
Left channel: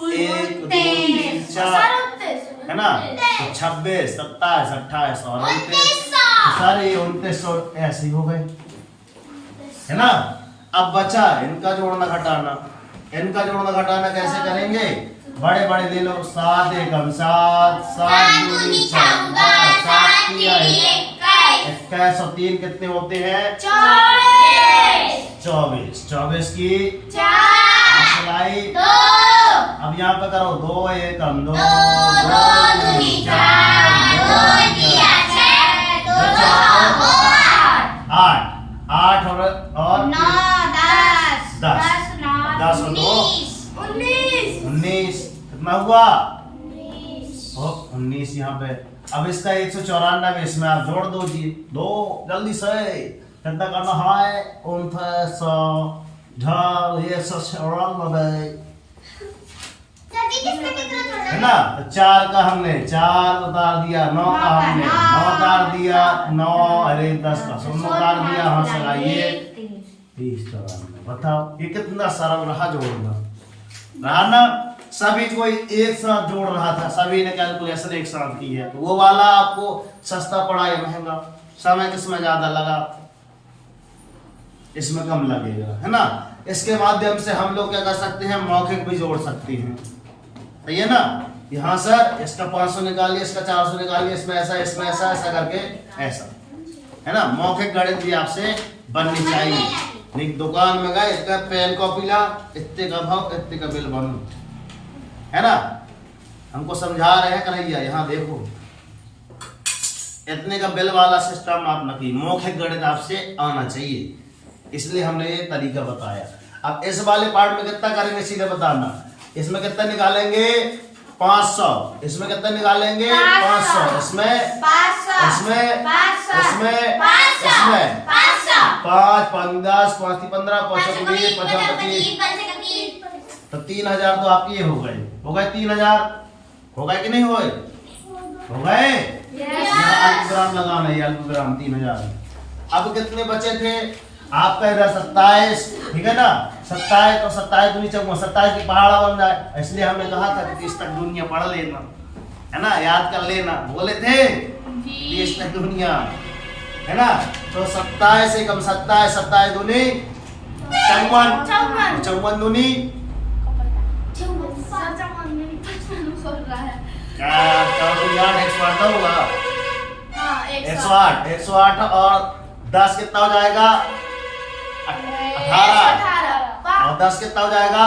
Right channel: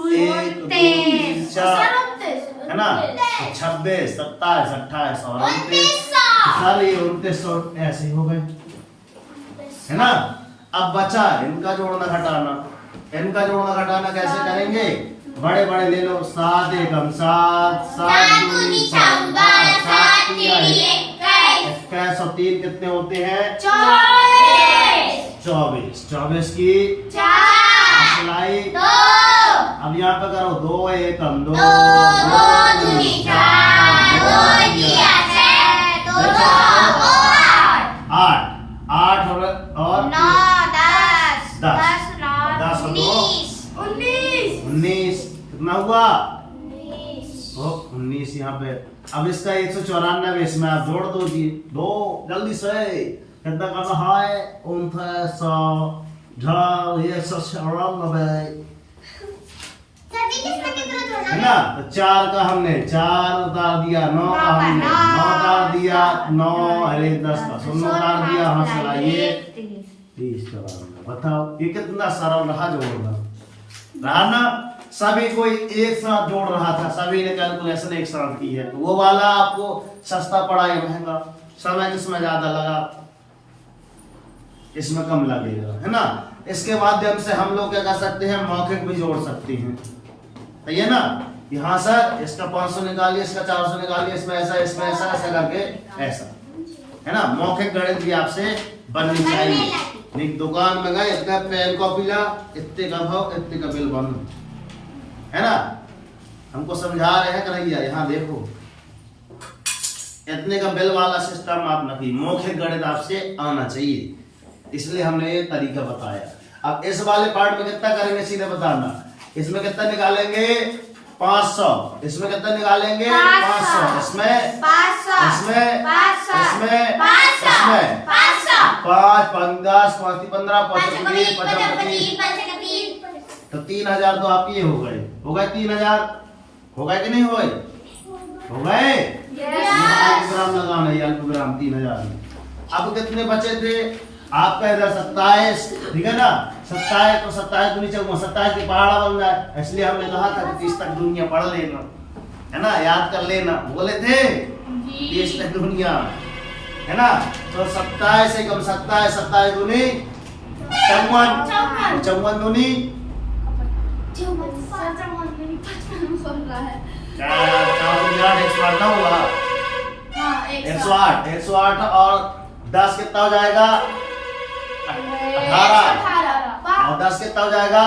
1 2 3 4 है ना, तो 26 27 28 और 29 सारे 29 ऐसे ही हो गए, है ना। अब बचा इनका जोड़ना घटाना। इनका जोड़ना घटाना कैसे करेंगे, बड़े बड़े ले लो, 7 एकम 7 7 दूनी 14 7 तिया 21 और 3 कितने होते हैं 24 24 की सिलाई। अब यहाँ पे करो 2 एकम 2 2 दूनी 4 2 तिया 8 8 और 9 10 10 और 2 19 कितना हुआ 19 यहाँ पे। अब इसका 194 इसमें आप जोड़ दो जी, दो जल्दी से कितना करना है 194 है ना। तो 4 का हमने 4 उतार दिया, 9 का हमने 9 उतार दिया, 9 अरे 10 का 0 उतार दिया, हाँ चलाइए 30 94। बताओ ये कितना सरल रहा जोड़ना, रहा ना। सभी कोई एक साथ जोड़ रहा था, सभी ने कैलकुलेशन एक साथ की है, तो वो वाला आपको सस्ता पड़ा या महंगा, समय किसमें ज्यादा लगा, इसमें कम लगेगा, है ना। इसके माध्यम से हम लोग क्या कर सकते हैं, मौखिक भी जोड़ सकते हैं, सही है ना। यहाँ सर इसका 500 निकालिए, इसका 400 निकालिए, इसमें ऐसा ऐसा करके ऐसा, है ना। मौखिक गणित भी आपसे बननी चाहिए। नहीं दुकान में गए इतने पेन कॉपी ला, इतने का भाव इतने का बिल बनो, है ना। हमको समझा रहे हैं करैया, यहाँ देखो इतने का बिल वाला सिस्टम आप न की, मौखिक गणित आपसे आना चाहिए, इसलिए हमने ये तरीका बताया। अब इस वाले पार्ट में कितना करेंगे सीधे बताना, इसमें कितना निकालेंगे 500, इसमें कितना निकालेंगे 500, इसमें 5 5 10 5 15 25 25 तो 3000 तो आपके ये हो गए 3000 हो गए कि नहीं हो गए, हो गए। अल्पविराम लगाना है, अल्पविराम 3000 में। अब कितने बचे थे आपका इधर 27, ठीक है ना। 27 तो 27 दूनी 27 की पहाड़ा बन जाए, इसलिए हमने कहा था 30 तक दुनिया पढ़ लेना, है ना, याद कर लेना, बोले थे 30 तक दुनिया, है ना। तो 27 से कम 27 27 दूनी 54 54 दूनी क्या 4 दूनी 8 108 ना होगा, 108 और 10 कितना हो जाएगा 18 और 10 कितना हो जाएगा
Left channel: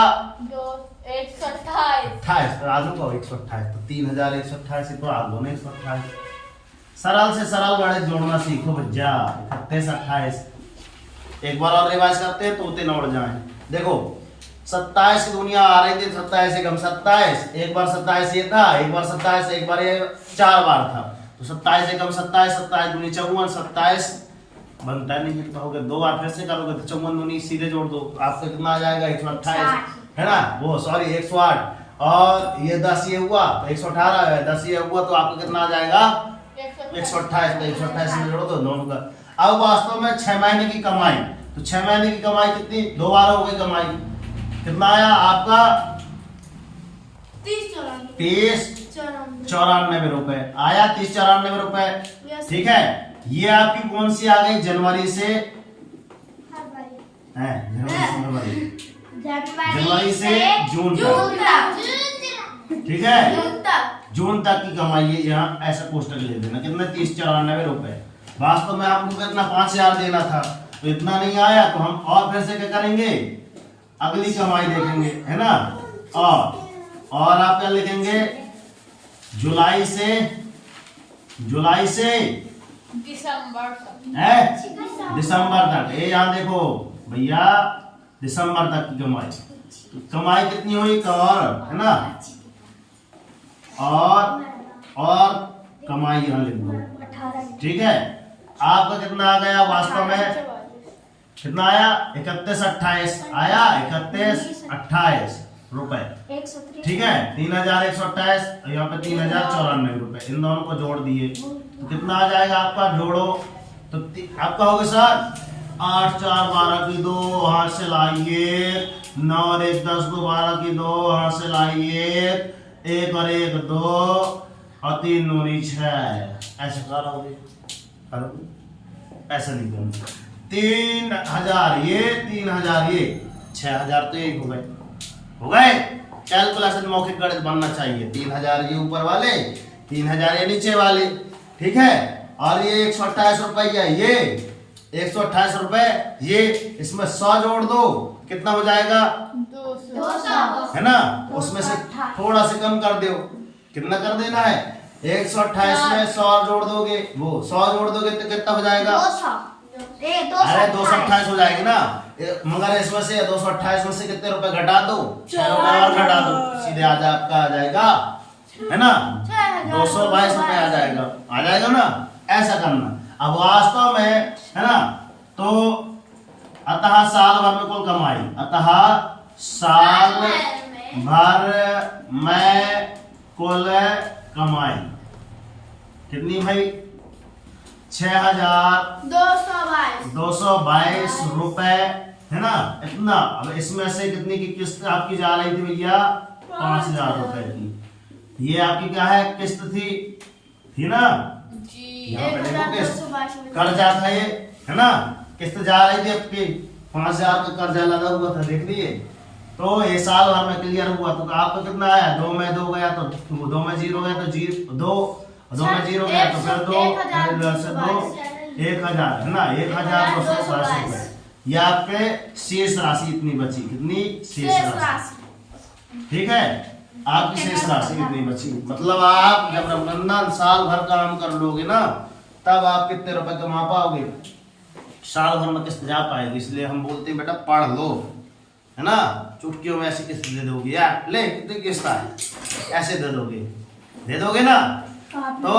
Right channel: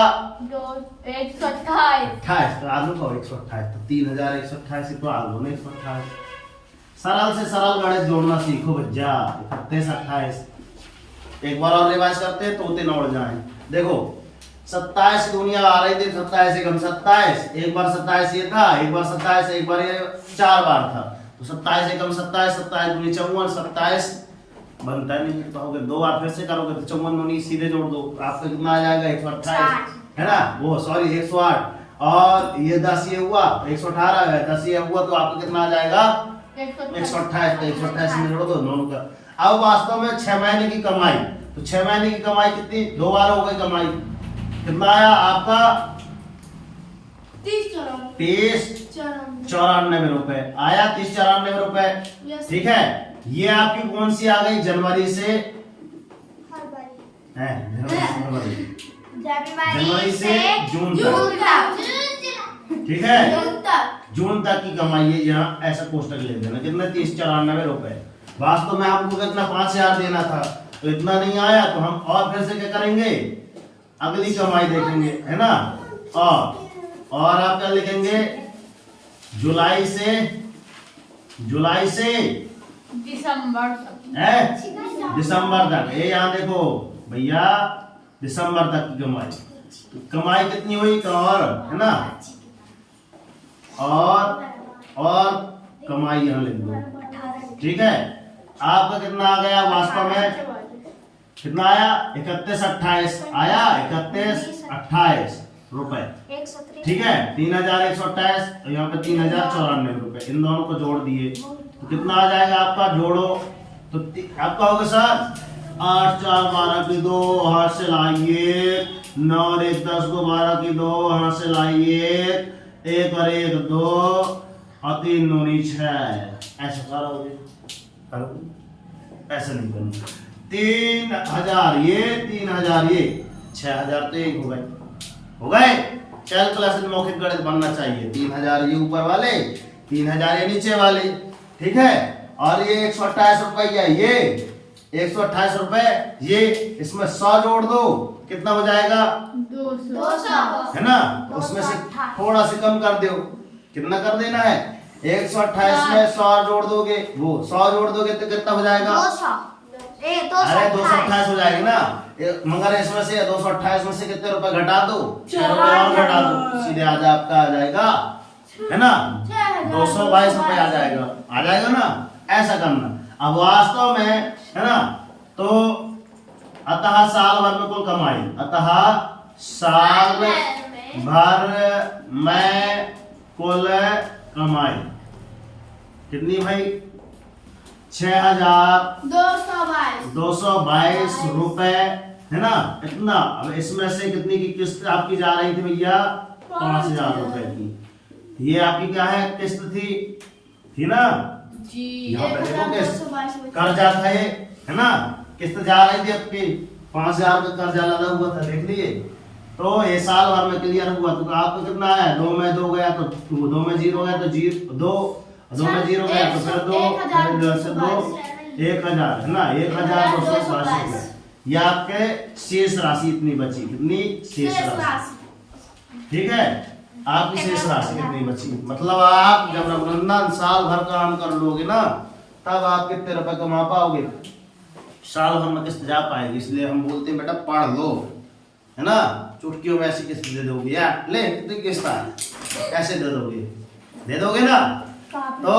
128, तो आलू को 128, तो 3128 तो आलू ने 128। सरल से सरल गणित जोड़ना सीखो बच्चा। 31 28 एक बार और रिवाइज करते हैं तो उतने उड़ जाए। देखो 27 की दुनिया आ रही थी, 27 से कम 27, एक बार 27 ये था, एक बार 27 एक बार ये 4 बार था, तो 27 से कम 27 27 दूनी 54 27 बनता नहीं तो कहोगे 2 बार फिर से करोगे तो 54 दूनी सीधे जोड़ दो, आपका कितना आ जाएगा 128, है ना, वो सॉरी 108 और ये 10 ये हुआ 118 है, 10 ये हुआ तो आपका कितना आ जाएगा 128, तो 128 में जोड़ दो दोनों का। अब वास्तव में 6 महीने की कमाई, तो 6 महीने की कमाई कितनी 2 बार हो गई कमाई, कितना आया आपका 30 94 रुपए आया, 30 94 रुपए, ठीक है। ये आपकी कौन सी आ गई जनवरी से जनवरी से जून तक, ठीक है, जून तक की कमाई है। यहाँ ऐसा कोष्टक ले देना, कितना 30 94 रुपए। वास्तव में आपको कितना 5000 देना था, तो इतना नहीं आया, तो हम और फिर से क्या करेंगे अगली कमाई देखेंगे, है ना। और आप क्या लिखेंगे जुलाई से दिसंबर तक। ये यहाँ देखो भैया दिसंबर तक की कमाई, तो कमाई कितनी हुई और, है ना, और कमाई यहाँ लिख दो, ठीक है। आपका कितना आ गया वास्तव में, कितना आया 31 28 आया 31 28 रुपए, ठीक है। 3128 यहाँ पे 3094 रुपए, इन दोनों को जोड़ दिए तो कितना आ जाएगा आपका, जोड़ो तो आपका होगा सर 8 4 12 की 2 हाथ से लाइए 9 और 1 10 को 12 की 2 हासिल आई 1 और 1 2 और 3 दूनी 6। ऐसे करोगे ऐसे नहीं करना। 3000 ये 3000 ये 6000 तो एक हो गए। कैलकुलेशन मौखिक गणित बनना चाहिए। 3000 ये ऊपर वाले 3000 ये नीचे वाले, ठीक है। और ये 128 रुपया ये 128 रुपए ये, इसमें 100 जोड़ दो कितना हो जाएगा 200 है ना। उसमें से थोड़ा से कम कर दो, कितना कर देना है 128 में 100 जोड़ दोगे, वो 100 जोड़ दोगे तो कितना हो जाएगा 200 अरे 228 हो जाएगी ना। मगर इसमें से 228 में से कितने रुपए घटा दो 6 रुपए और घटा दो, सीधे आपका आ जाएगा है ना 222 रुपए आ जाएगा ना। ऐसा करना। अब वास्तव में है ना, तो अतः साल भर में कुल कमाई, अतः साल भर में कुल कमाई कितनी भाई 6222 रुपए है ना इतना। अब इसमें से कितनी की किस्त आपकी जा रही थी भैया 5000 रुपए की। ये आपकी क्या है किस्त थी ना जी। यहाँ पे देखो किस्त कर्जा था ये है ना, किस्त जा रही थी आपकी 5000 का कर्जा लगा हुआ था, देख लिए। तो ये साल भर में क्लियर हुआ तो आपको कितना आया 2 में 2 गया तो 2 में 0 गया तो 2 में 0 गया तो फिर 2 1000 है ना 1280 रुपए। ये आपके शेष राशि इतनी बची, कितनी शेष राशि, ठीक है। आपकी शेष राशि कितनी बची, मतलब आप जब रघुनंदन साल भर काम कर लोगे ना तब आप कितने रुपए कमा पाओगे, साल भर में किस्त जा पाएगी। इसलिए हम बोलते हैं बेटा पढ़ लो है ना, चुटकियों में ऐसी किस्त दे दोगे यार, ले कितनी किस्त आए ऐसे दे दोगे ना। तो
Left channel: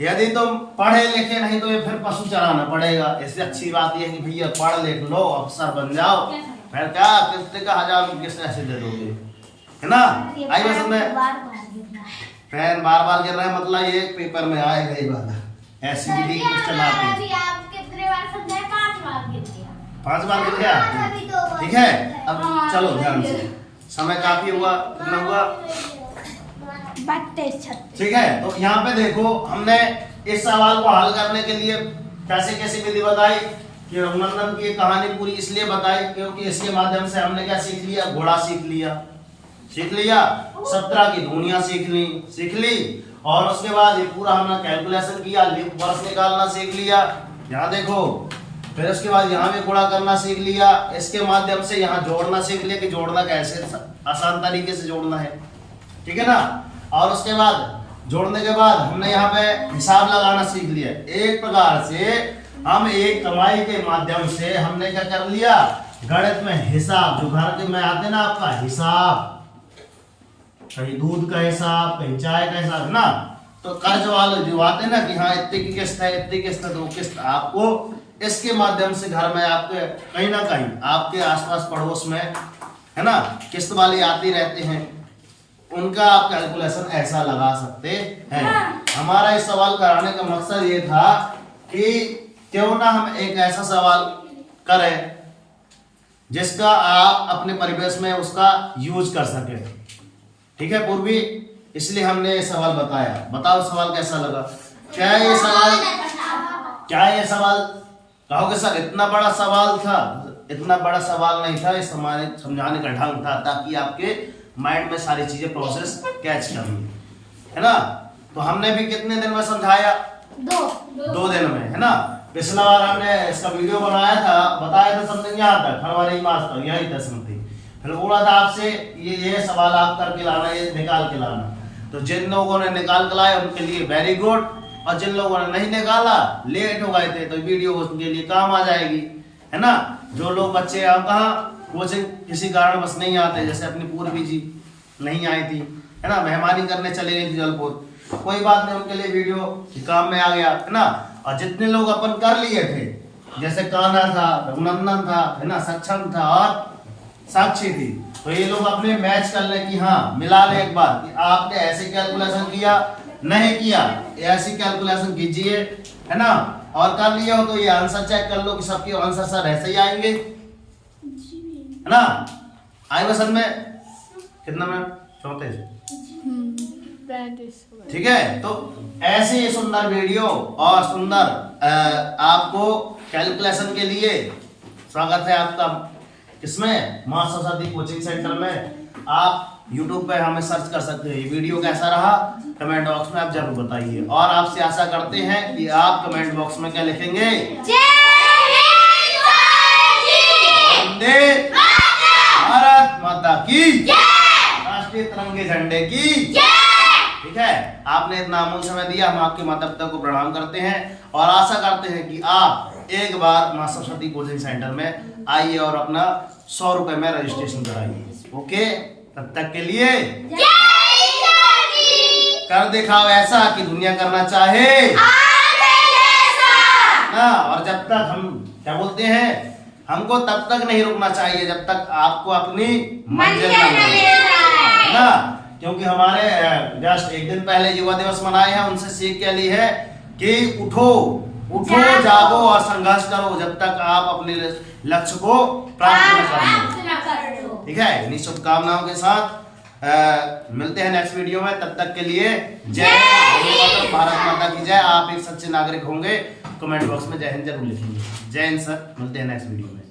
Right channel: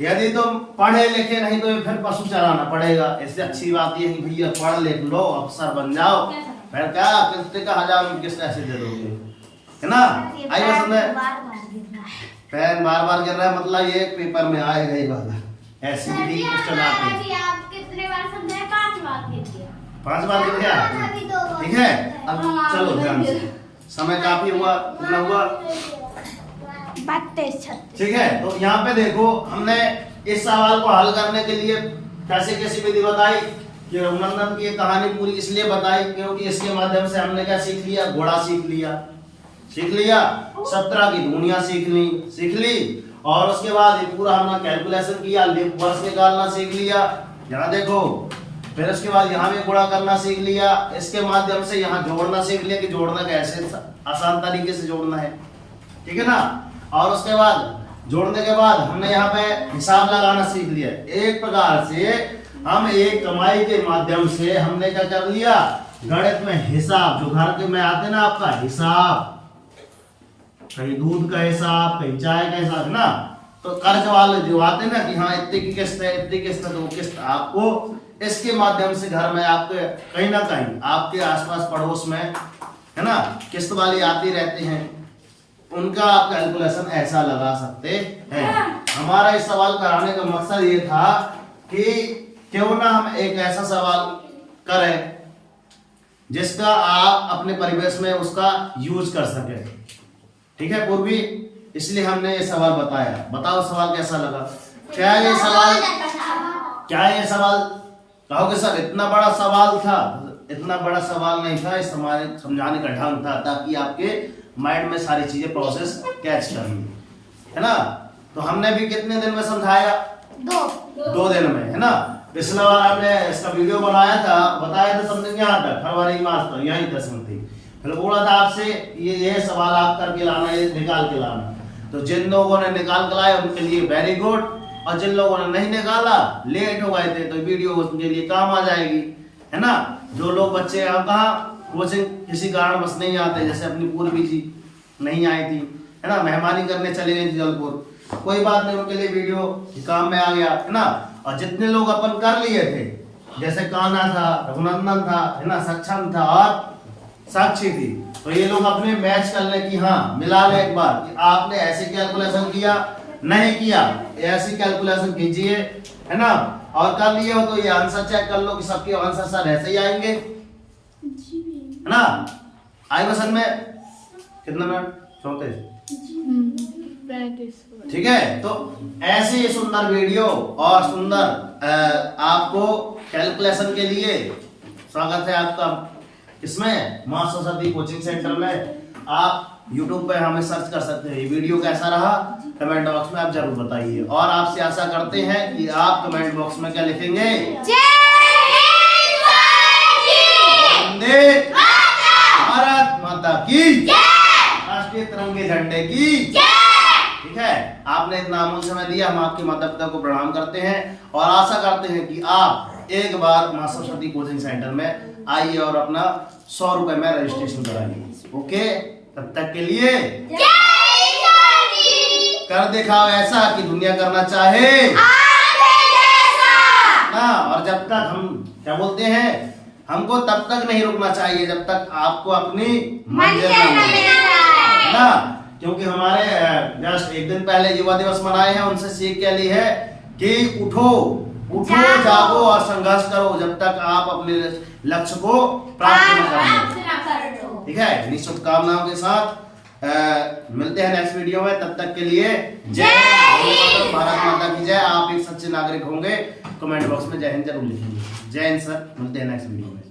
यदि तुम पढ़े लिखे नहीं तो ये फिर पशु चलाना पड़ेगा। इससे अच्छी बात यह है कि भैया पढ़ लिख लो अफसर बन जाओ, फिर क्या किस्त का 1000 की किस्त ऐसे दे दोगे है ना। आइए समझे पेन बार बार गिर रहा है, मतलब ये पेपर में आएगा ही बात। ऐसी विधि क्वेश्चन आते हैं 5 बार गिर गया, ठीक है। अब चलो ध्यान से, समय काफी हुआ, कितना हुआ 32 ठीक है। तो यहाँ पे देखो हमने इस सवाल को हल करने के लिए कैसी विधि बताई कि रघुनंदन की कहानी पूरी इसलिए बताई क्योंकि इसके माध्यम से हमने क्या सीख लिया, घोड़ा सीख लिया 17 की दूनिया सीख ली और उसके बाद ये पूरा हमने कैलकुलेशन किया, वर्ष निकालना सीख लिया। यहाँ देखो फिर उसके बाद यहाँ भी गुणा करना सीख लिया, इसके माध्यम से यहाँ जोड़ना सीख लिया कि जोड़ना कैसे आसान तरीके से जोड़ना है, ठीक है ना। और उसके बाद जोड़ने के बाद हमने यहाँ पे हिसाब लगाना सीख लिया। एक प्रकार से हम एक कमाई के माध्यम से हमने क्या कर लिया, गणित में हिसाब जो घर में आते ना आपका हिसाब, कहीं दूध का हिसाब कहीं चाय का हिसाब ना, तो कर्ज वाले जो आते ना कि हाँ इतनी की किस्त है इतनी किस्त है, तो वो किस्त आपको इसके माध्यम से घर में आपके कहीं ना कहीं आपके आसपास पड़ोस में है ना किस्त वाले आते रहते हैं, उनका आप कैलकुलेशन ऐसा लगा सकते हैं। हमारा इस सवाल कराने का मकसद ये था कि क्यों ना हम एक ऐसा सवाल करें जिसका आप अपने परिवेश में उसका यूज कर सके, ठीक है पूर्वी। इसलिए हमने ये सवाल बताया। बताओ सवाल कैसा लगा, क्या ये सवाल कहोगे सर इतना बड़ा सवाल था? इतना बड़ा सवाल नहीं था, इस हमारे समझाने का ढंग था ताकि आपके माइंड में सारी चीजें प्रोसेस कैच कर ली, है ना। तो हमने भी कितने दिन में समझाया? 2 दिन में, है ना। पिछला बार हमने इसका वीडियो बनाया था, बताया था समझ यहाँ तक फरवरी मार्च तक यही था समथिंग। फिर बोला था आपसे ये सवाल आप करके लाना, ये निकाल के लाना। तो जिन लोगों ने निकाल के लाया उनके लिए वेरी गुड, और जिन लोगों ने नहीं निकाला लेट हो गए थे तो वीडियो उनके लिए काम आ जाएगी, है ना। जो लोग बच्चे आप कहाँ कोचिंग किसी कारण बस नहीं आते, जैसे अपनी पूर्वी जी नहीं आई थी, है ना, मेहमानी करने चले गई थी जलपुर, कोई बात नहीं, उनके लिए वीडियो काम में आ गया, है ना। और जितने लोग अपन कर लिए थे, जैसे कान्हा था, रघुनंदन था, है ना, सक्षम था और साक्षी थी, तो ये लोग अपने मैच कर ले कि हाँ मिला ले एक बार कि आपने ऐसे कैलकुलेशन किया नहीं किया, ऐसी कैलकुलेशन कीजिए, है ना। और कर लिया हो तो ये आंसर चेक कर लो कि सबके आंसर सर ऐसे ही आएंगे, है ना। आई बसन में कितना मिनट 34 ठीक है। तो ऐसे ही सुंदर वीडियो और सुंदर आपको कैलकुलेशन के लिए स्वागत है आपका इसमें मां सरस्वती कोचिंग सेंटर में। आप YouTube पे हमें सर्च कर सकते हैं। ये वीडियो कैसा रहा कमेंट बॉक्स में आप जरूर बताइए और आपसे आशा करते हैं कि आप कमेंट बॉक्स में क्या लिखेंगे, वंदे भारत माता की, राष्ट्रीय तिरंगे झंडे की। ठीक है, आपने इतना अमूल्य समय दिया, हम आपके माता पिता को प्रणाम करते हैं और आशा करते हैं कि आप एक बार मां सरस्वती कोचिंग सेंटर में आइए और अपना 100 रुपए में रजिस्ट्रेशन कराइए। ओके, तब तक के लिए कर दिखाओ ऐसा कि दुनिया करना चाहे ना। और जब तक हम क्या बोलते हैं, हमको तब तक नहीं रुकना चाहिए जब तक आपको अपनी मंजिल न मिले ना। क्योंकि हमारे जस्ट एक दिन पहले युवा दिवस मनाए हैं, उनसे सीख क्या ली है कि उठो उठो जागो और संघर्ष करो जब तक आप अपने लक्ष्य को प्राप्त न कर लो। ठीक है, इन्हीं शुभकामनाओं के साथ मिलते हैं नेक्स्ट वीडियो में। तब तक के लिए जय हिंद, भारत माता की जय। आप एक सच्चे नागरिक होंगे, कमेंट बॉक्स में जय हिंद जरूर लिखेंगे। जय हिंद सर, मिलते हैं नेक्स्ट वीडियो में।